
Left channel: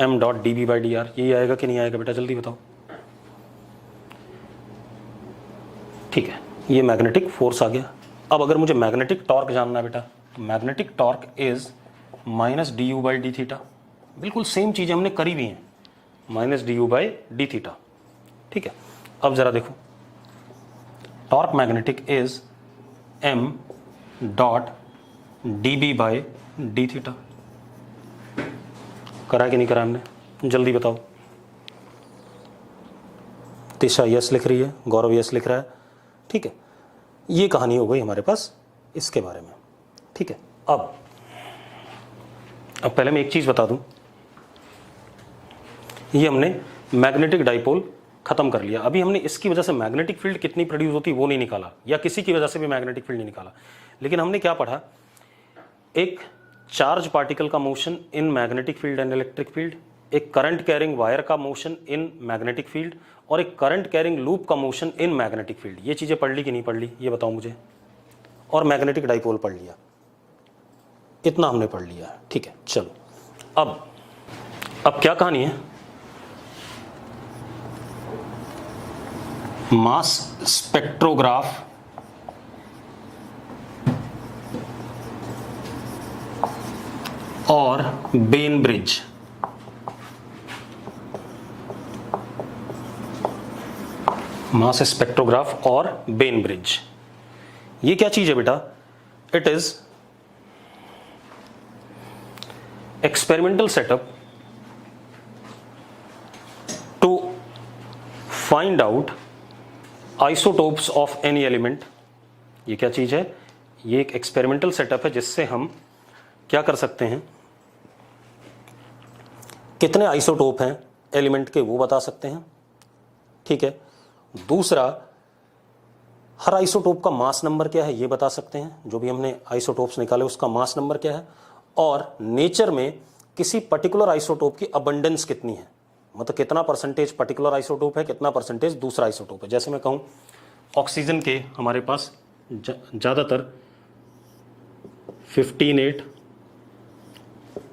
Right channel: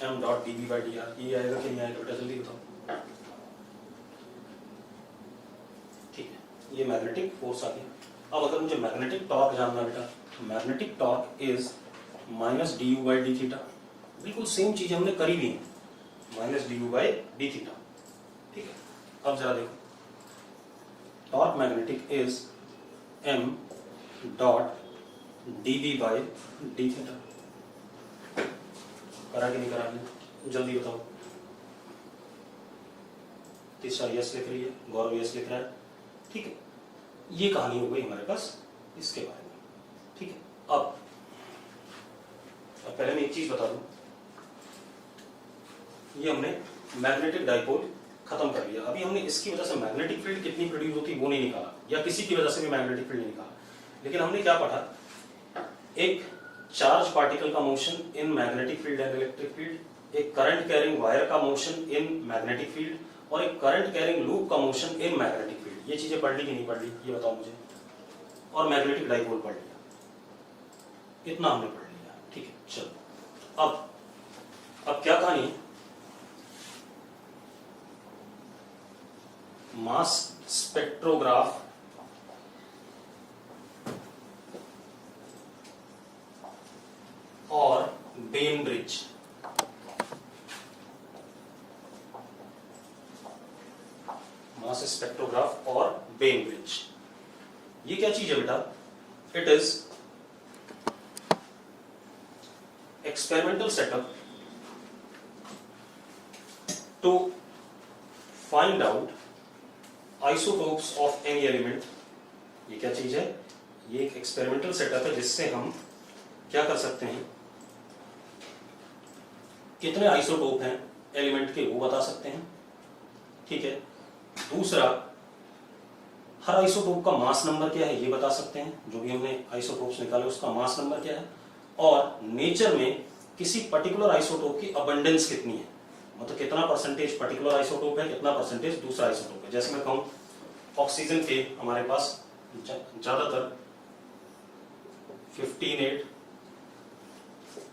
M dot D B by D R, यही आएगा कि नहीं आएगा बेटा, जल्दी बताओ। ठीक है, ये मैग्नेटिक फोर्स आ गया। अब अगर मुझे मैग्नेटिक टॉर्क जानना है बेटा, तो magnetic torque is minus d u by d theta. बिल्कुल सेम चीज़ हमने करी भी है, minus d u by d theta. ठीक है, अब जरा देखो, torque magnetic is m dot D B by d theta. करा कि नहीं करा हमने, जल्दी बताओ। तिशा यस लिख रही है, गौरव यस लिख रहा है। ठीक है, ये कहानी हो गई हमारे पास इसके बारे में। ठीक है, अब पहले मैं एक चीज बता दूं, ये हमने मैग्नेटिक डाइपोल खत्म कर लिया। अभी हमने इसकी वजह से मैग्नेटिक फील्ड कितनी प्रोड्यूस होती वो नहीं निकाला, या किसी की वजह से भी मैग्नेटिक फील्ड नहीं निकाला, लेकिन हमने क्या पढ़ा, एक चार्ज पार्टिकल का motion in magnetic field and electric field, एक करंट कैरिंग वायर का मोशन इन मैग्नेटिक फील्ड, और एक करंट कैरिंग लूप का मोशन इन मैग्नेटिक फील्ड। ये चीजें पढ़ ली कि नहीं पढ़ ली, ये बताओ मुझे। और मैग्नेटिक डाइपोल पढ़ लिया, इतना हमने पढ़ लिया। ठीक है, चलो अब क्या कहानी है। मास स्पेक्ट्रोग्राफ और बेन ब्रिज। मास स्पेक्ट्रोग्राफ और बेन ब्रिज, ये क्या चीज है बेटा? It is experimental setup to find out isotopes of any element. ये क्या चीज है? ये एक एक्सपेरिमेंटल सेटअप है जिससे हम क्या कर सकते हैं, कितने आइसोटोप हैं एलिमेंट के वो बता सकते हैं। ठीक है, दूसरा, हर आइसोटोप का मास नंबर क्या है ये बता सकते हैं, जो भी हमने आइसोटोप्स निकाले उसका मास नंबर क्या है, और नेचर में किसी पर्टिकुलर आइसोटोप की अबंडेंस कितनी है, मतलब कितना परसेंटेज पर्टिकुलर आइसोटोप है, कितना परसेंटेज दूसरा आइसोटोप है। जैसे मैं कहूं ऑक्सीजन के हमारे पास ज्यादातर 15(8),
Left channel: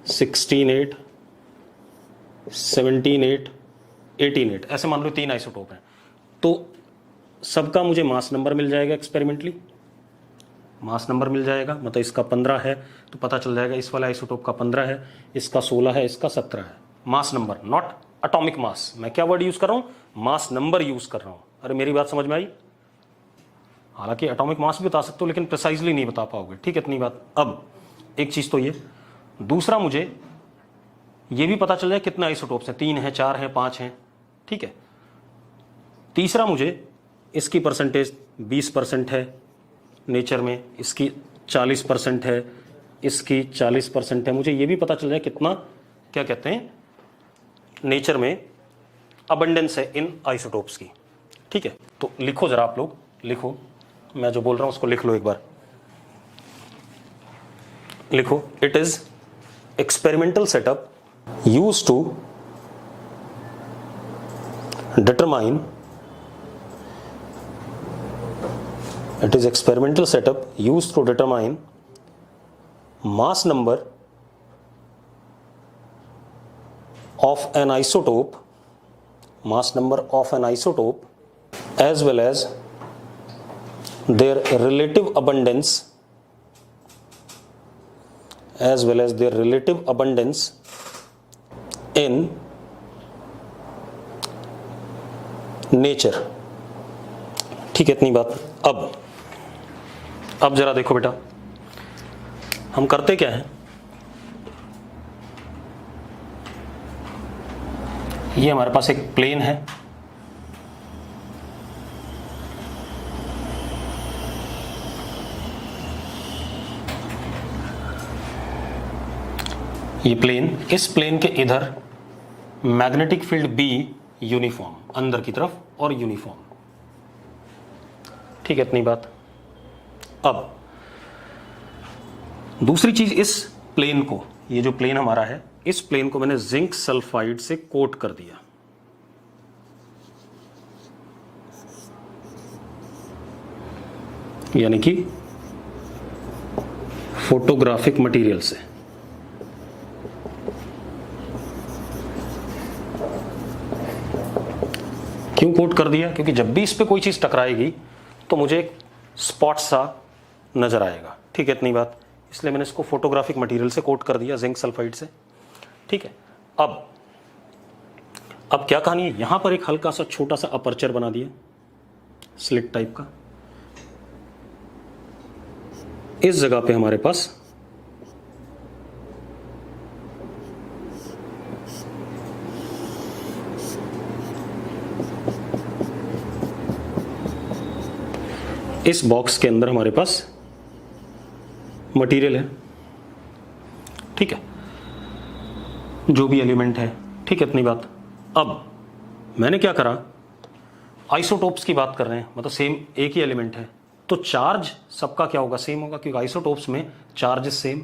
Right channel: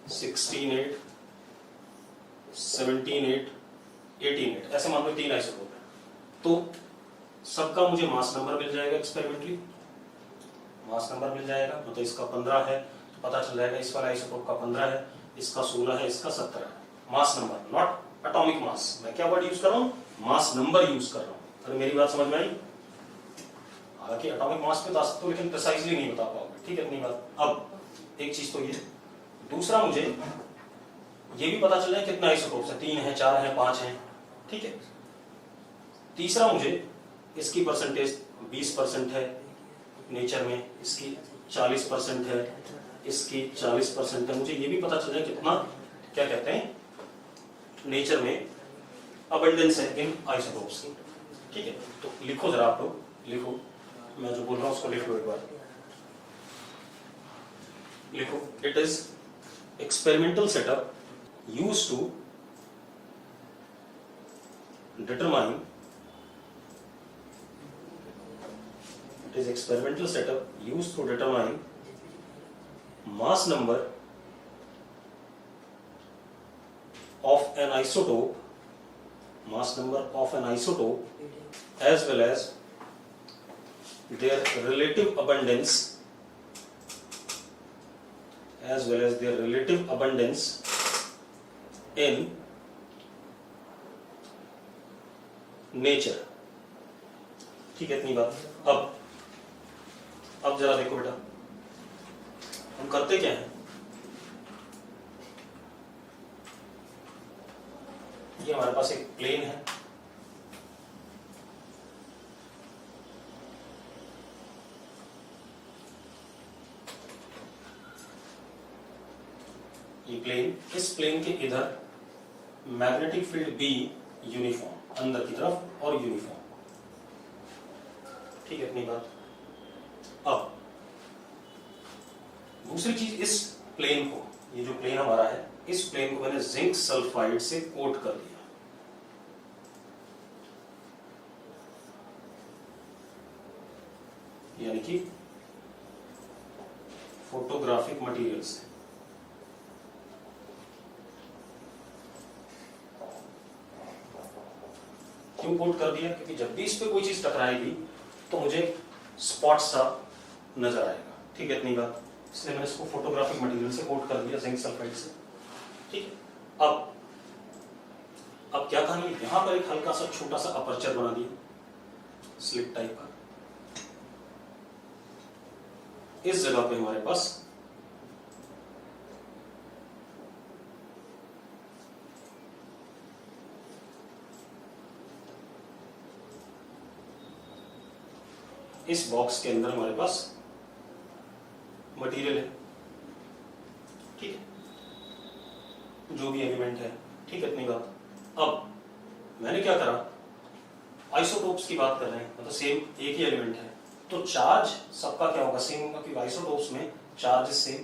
16(8), 17(8), 18(8), ऐसे मान लो 3 आइसोटोप हैं, तो सबका मुझे मास नंबर मिल जाएगा। एक्सपेरिमेंटली मास नंबर मिल जाएगा, मतलब इसका 15 है तो पता चल जाएगा इस वाले आइसोटोप का 15 है, इसका 16 है, इसका 17 है। Mass number, not atomic mass. मैं क्या वर्ड यूज कर रहा हूं? मास नंबर यूज कर रहा हूं। अरे मेरी बात समझ में आई? हालांकि एटॉमिक मास भी बता सकते हो लेकिन प्रिसाइजली नहीं बता पाओगे। ठीक है, इतनी बात। अब एक चीज तो ये, दूसरा मुझे ये भी पता चल जाए कितने आइसोटोप्स हैं, 3 हैं, 4 हैं, 5 हैं। ठीक है, तीसरा मुझे इसकी परसेंटेज 20% है नेचर में, इसकी 40% है, इसकी 40% है। मुझे ये भी पता चल जाए कितना, क्या कहते हैं, नेचर में अबंडेंस है इन आइसोटोप्स की। ठीक है, तो लिखो जरा, आप लोग लिखो, मैं जो बोल रहा हूं उसको लिख लो एक बार। लिखो, it is experimental setup used to determine, it is experimental setup used to determine mass number of an isotope, mass number of an isotope as well as their relative abundance, as well as their relative abundance in nature। ठीक है, इतनी बात। अब जरा देखो बेटा, हम करते क्या है, ये हमारे पास एक प्लेन है, ये प्लेन, इस प्लेन के इधर मैग्नेटिक फील्ड बी यूनिफॉर्म, अंदर की तरफ और यूनिफॉर्म। ठीक है, इतनी बात। अब दूसरी चीज, इस प्लेन को, ये जो प्लेन हमारा है, इस प्लेन को मैंने जिंक सल्फाइड से कोट कर दिया। यानी कि फोटोग्राफिक मटेरियल से। क्यों कोट कर दिया? क्योंकि जब भी इस पे कोई चीज टकराएगी तो मुझे एक स्पॉट सा नजर आएगा। ठीक है, इतनी बात। इसलिए मैंने इसको फोटोग्राफिक मटेरियल से कोट कर दिया, जिंक सल्फाइड से। ठीक है, अब क्या कहानी है, यहां पर एक हल्का सा छोटा सा अपर्चर बना दिया, स्लिट टाइप का। इस जगह पे हमारे पास इस बॉक्स के अंदर हमारे पास मटेरियल है। ठीक है, जो भी एलिमेंट है। ठीक है, इतनी बात। अब मैंने क्या करा, आइसोटोप्स की बात कर रहे हैं, मतलब सेम एक ही एलिमेंट है, तो चार्ज सबका क्या होगा, सेम होगा, क्योंकि आइसोटोप्स में चार्ज सेम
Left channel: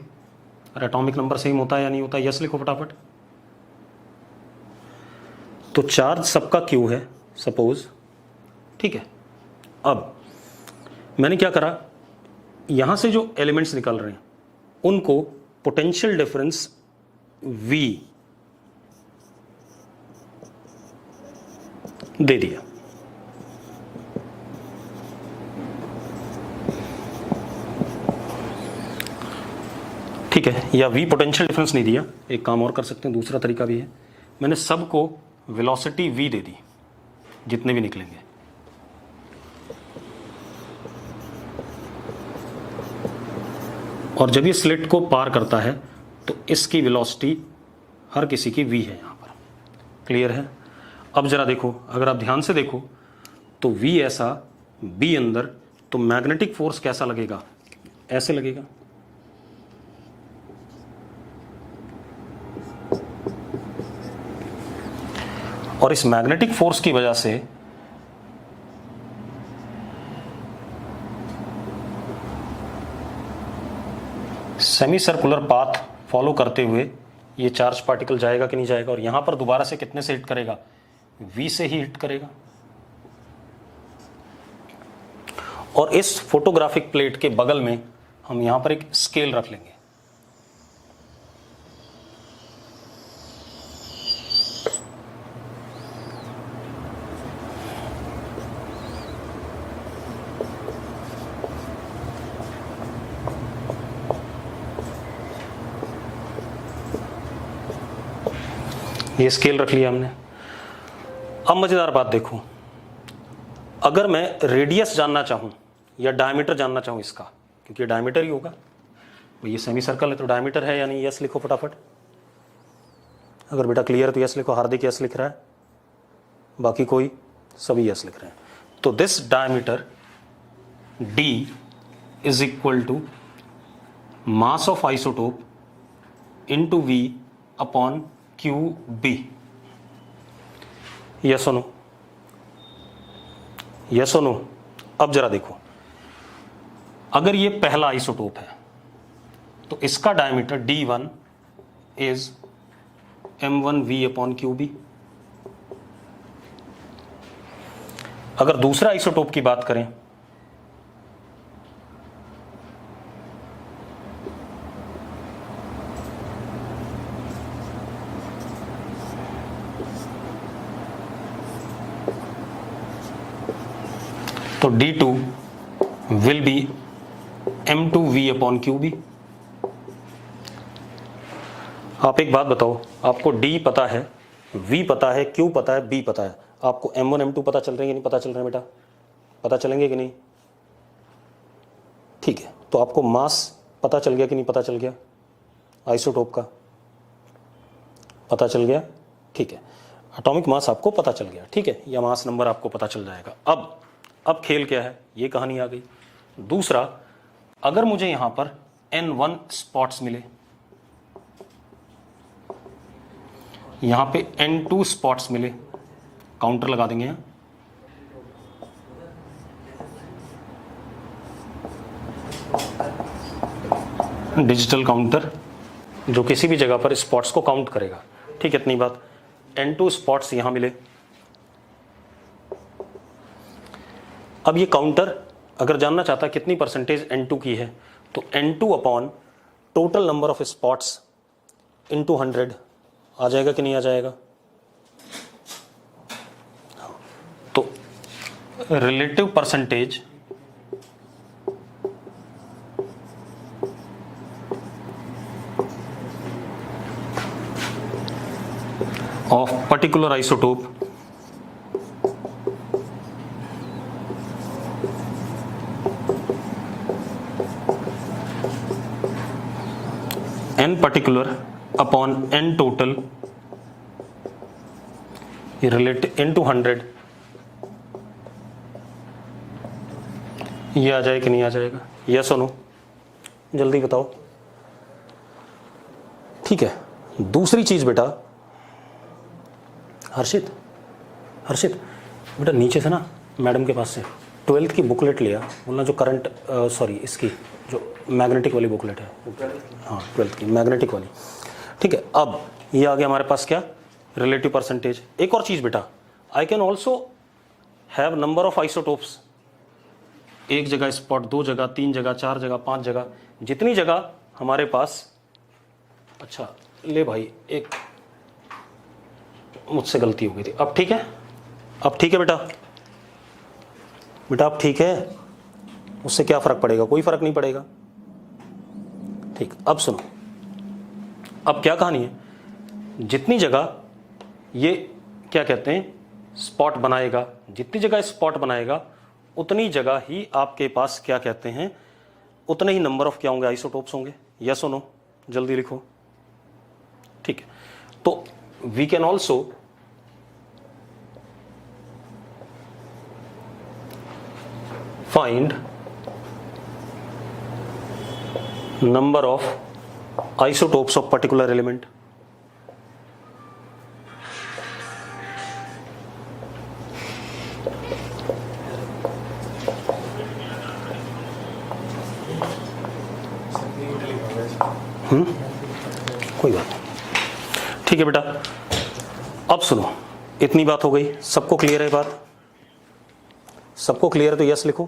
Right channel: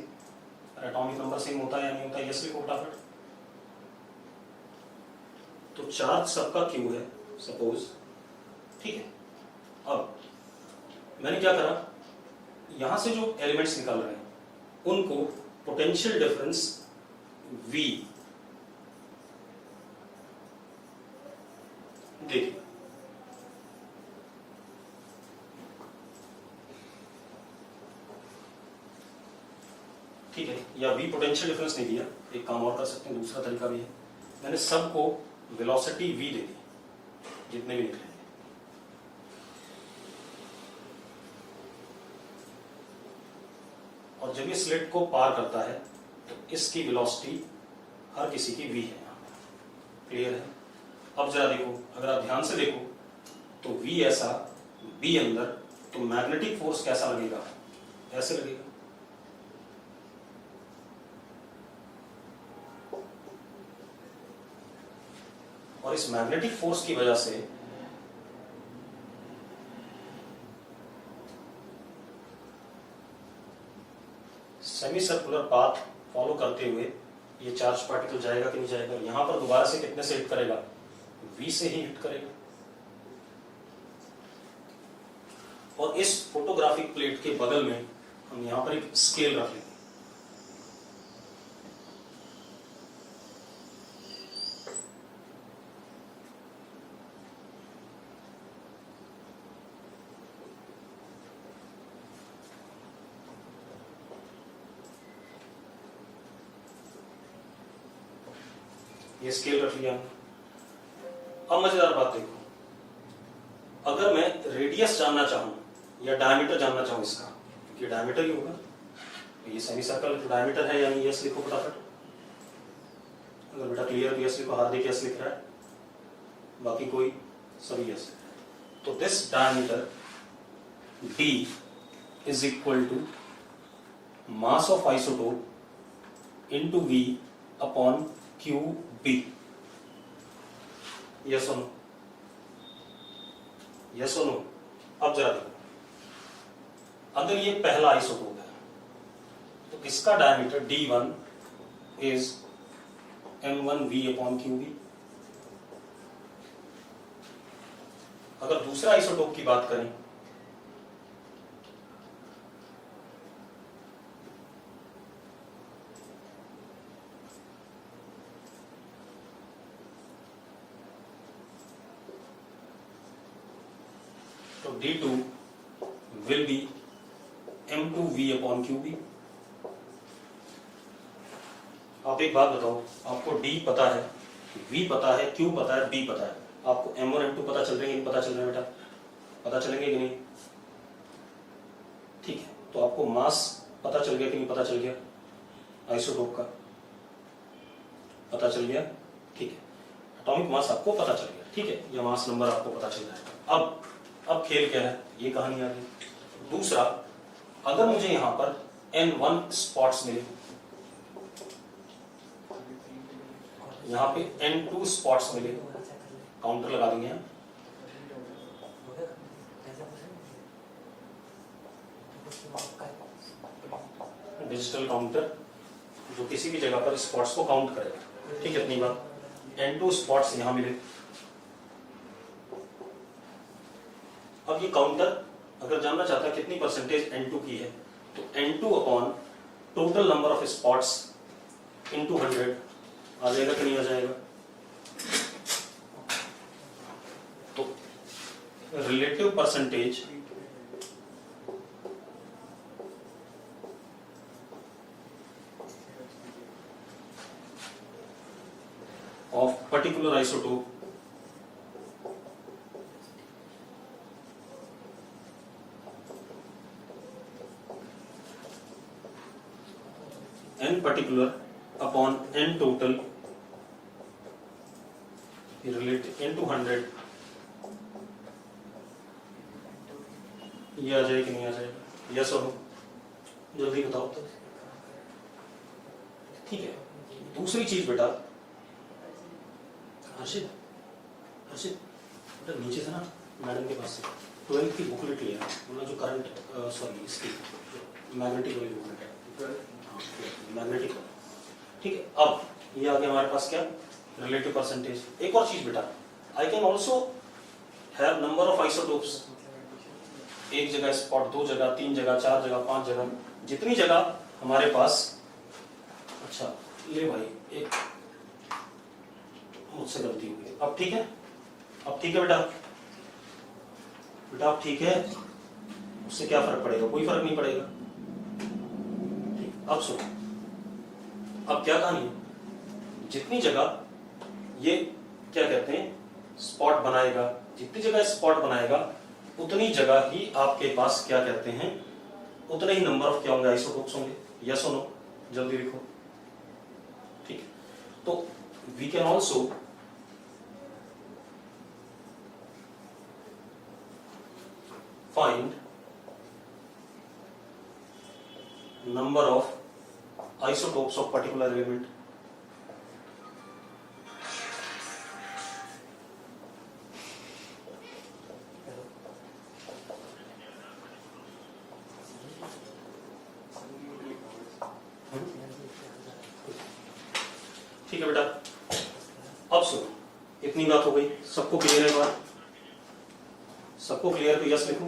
और एटॉमिक नंबर सेम होता है या नहीं होता? यस लिखो फटाफट। तो चार्ज सबका क्यू है, सपोज, ठीक है। अब मैंने क्या करा, यहां से जो एलिमेंट्स निकल रहे हैं उनको पोटेंशियल डिफरेंस V दे दिया, ठीक है, या V पोटेंशियल डिफरेंस नहीं दिया, एक काम और कर सकते हैं, दूसरा तरीका भी है, मैंने सबको वेलोसिटी V दे दी जितने भी निकलेंगे, और जब ये स्लिट को पार करता है तो इसकी वेलोसिटी हर किसी की V है, यहां पर क्लियर है। अब जरा देखो, अगर आप ध्यान से देखो तो V ऐसा, B अंदर, तो मैग्नेटिक फोर्स कैसा लगेगा, ऐसे लगेगा, और इस मैग्नेटिक फोर्स की वजह से सेमी सर्कुलर पाथ फॉलो करते हुए ये चार्ज पार्टिकल जाएगा कि नहीं जाएगा, और यहां पर दोबारा से कितने से हिट करेगा, V से ही हिट करेगा। और इस फोटोग्राफिक प्लेट के बगल में हम यहां पर एक स्केल रख लेंगे, ये स्केल रख लिया हमने। अब मजेदार बात देखो, अगर मैं रेडियस जानना चाहूं या डायमीटर जानना चाहूं इसका, क्योंकि ये डायमीटर ही होगा, ये सेमी सर्कल है तो डायमीटर है, यानी यस लिखो फटाफट। अगर बेटा क्लियर तो यस लिखो, हार्दिक यस लिख रहा है, बाकी कोई सभी यस लिख रहे हैं। तो this diameter D is equal to mass of isotope into V upon QB। Yes और नो, यस और नो। अब जरा देखो, अगर ये पहला आइसोटोप है तो इसका diameter D1 is M1V upon QB। अगर दूसरा आइसोटोप की बात करें तो D2 will be M2V upon QB। आप एक बात बताओ, आपको D पता है, V पता है, Q पता है, B पता है, आपको M1 M2 पता चल रहे हैं कि नहीं पता चल रहे हैं बेटा, पता चलेंगे कि नहीं, ठीक है। तो आपको मास पता चल गया कि नहीं पता चल गया, आइसोटोप का पता चल गया, ठीक है। एटॉमिक मास आपको पता चल गया, ठीक है, या मास नंबर आपको पता चल जाएगा। अब खेल क्या है, ये कहानी आ गई। दूसरा, अगर मुझे यहां पर N1 स्पॉट्स मिले, यहां पे N2 स्पॉट्स मिले, काउंटर लगा देंगे यहां, डिजिटल काउंटर जो किसी भी जगह पर स्पॉट्स को काउंट करेगा, ठीक है, इतनी बात। N2 स्पॉट्स यहां मिले। अब ये काउंटर अगर जानना चाहता है कितनी परसेंटेज N2 की है, तो N2 upon total number of spots into 100 आ जाएगा कि नहीं आ जाएगा। तो relative percentage of particular isotope n particular upon n total relative into 100, ये आ जाए कि नहीं आ जाएगा, यस और नो, जल्दी बताओ, ठीक है। दूसरी चीज बेटा, हर्षित बेटा नीचे से ना मैडम के पास से 12th की बुकलेट लिया, बोलना जो करंट सॉरी इसकी जो मैग्नेटिक वाली बुकलेट है, हाँ 12th की मैग्नेटिक वाली, ठीक है। अब ये आ गया हमारे पास क्या, रिलेटिव परसेंटेज। एक और चीज़ बेटा, I can also have number of isotopes, एक जगह स्पॉट, दो जगह, तीन जगह, चार जगह, पांच जगह, जितनी जगह हमारे पास। अच्छा ले भाई, एक मुझसे गलती हो गई थी, अब ठीक है, अब ठीक है बेटा, बेटा अब ठीक है, उससे क्या फर्क पड़ेगा, कोई फर्क नहीं पड़ेगा। ठीक, अब सुनो, अब क्या कहानी है, जितनी जगह ये क्या कहते हैं स्पॉट बनाएगा, जितनी जगह स्पॉट बनाएगा उतनी जगह ही आपके पास क्या कहते हैं, उतने ही नंबर ऑफ क्या होंगे, आइसोटोप्स होंगे। यस और नो, जल्दी लिखो। ठीक है, तो we can also find number of isotopes of particular element. कोई बात नहीं, ठीक है बेटा। अब सुनो, इतनी बात हो गई, सबको क्लियर है बात, सबको क्लियर है तो यस लिखो।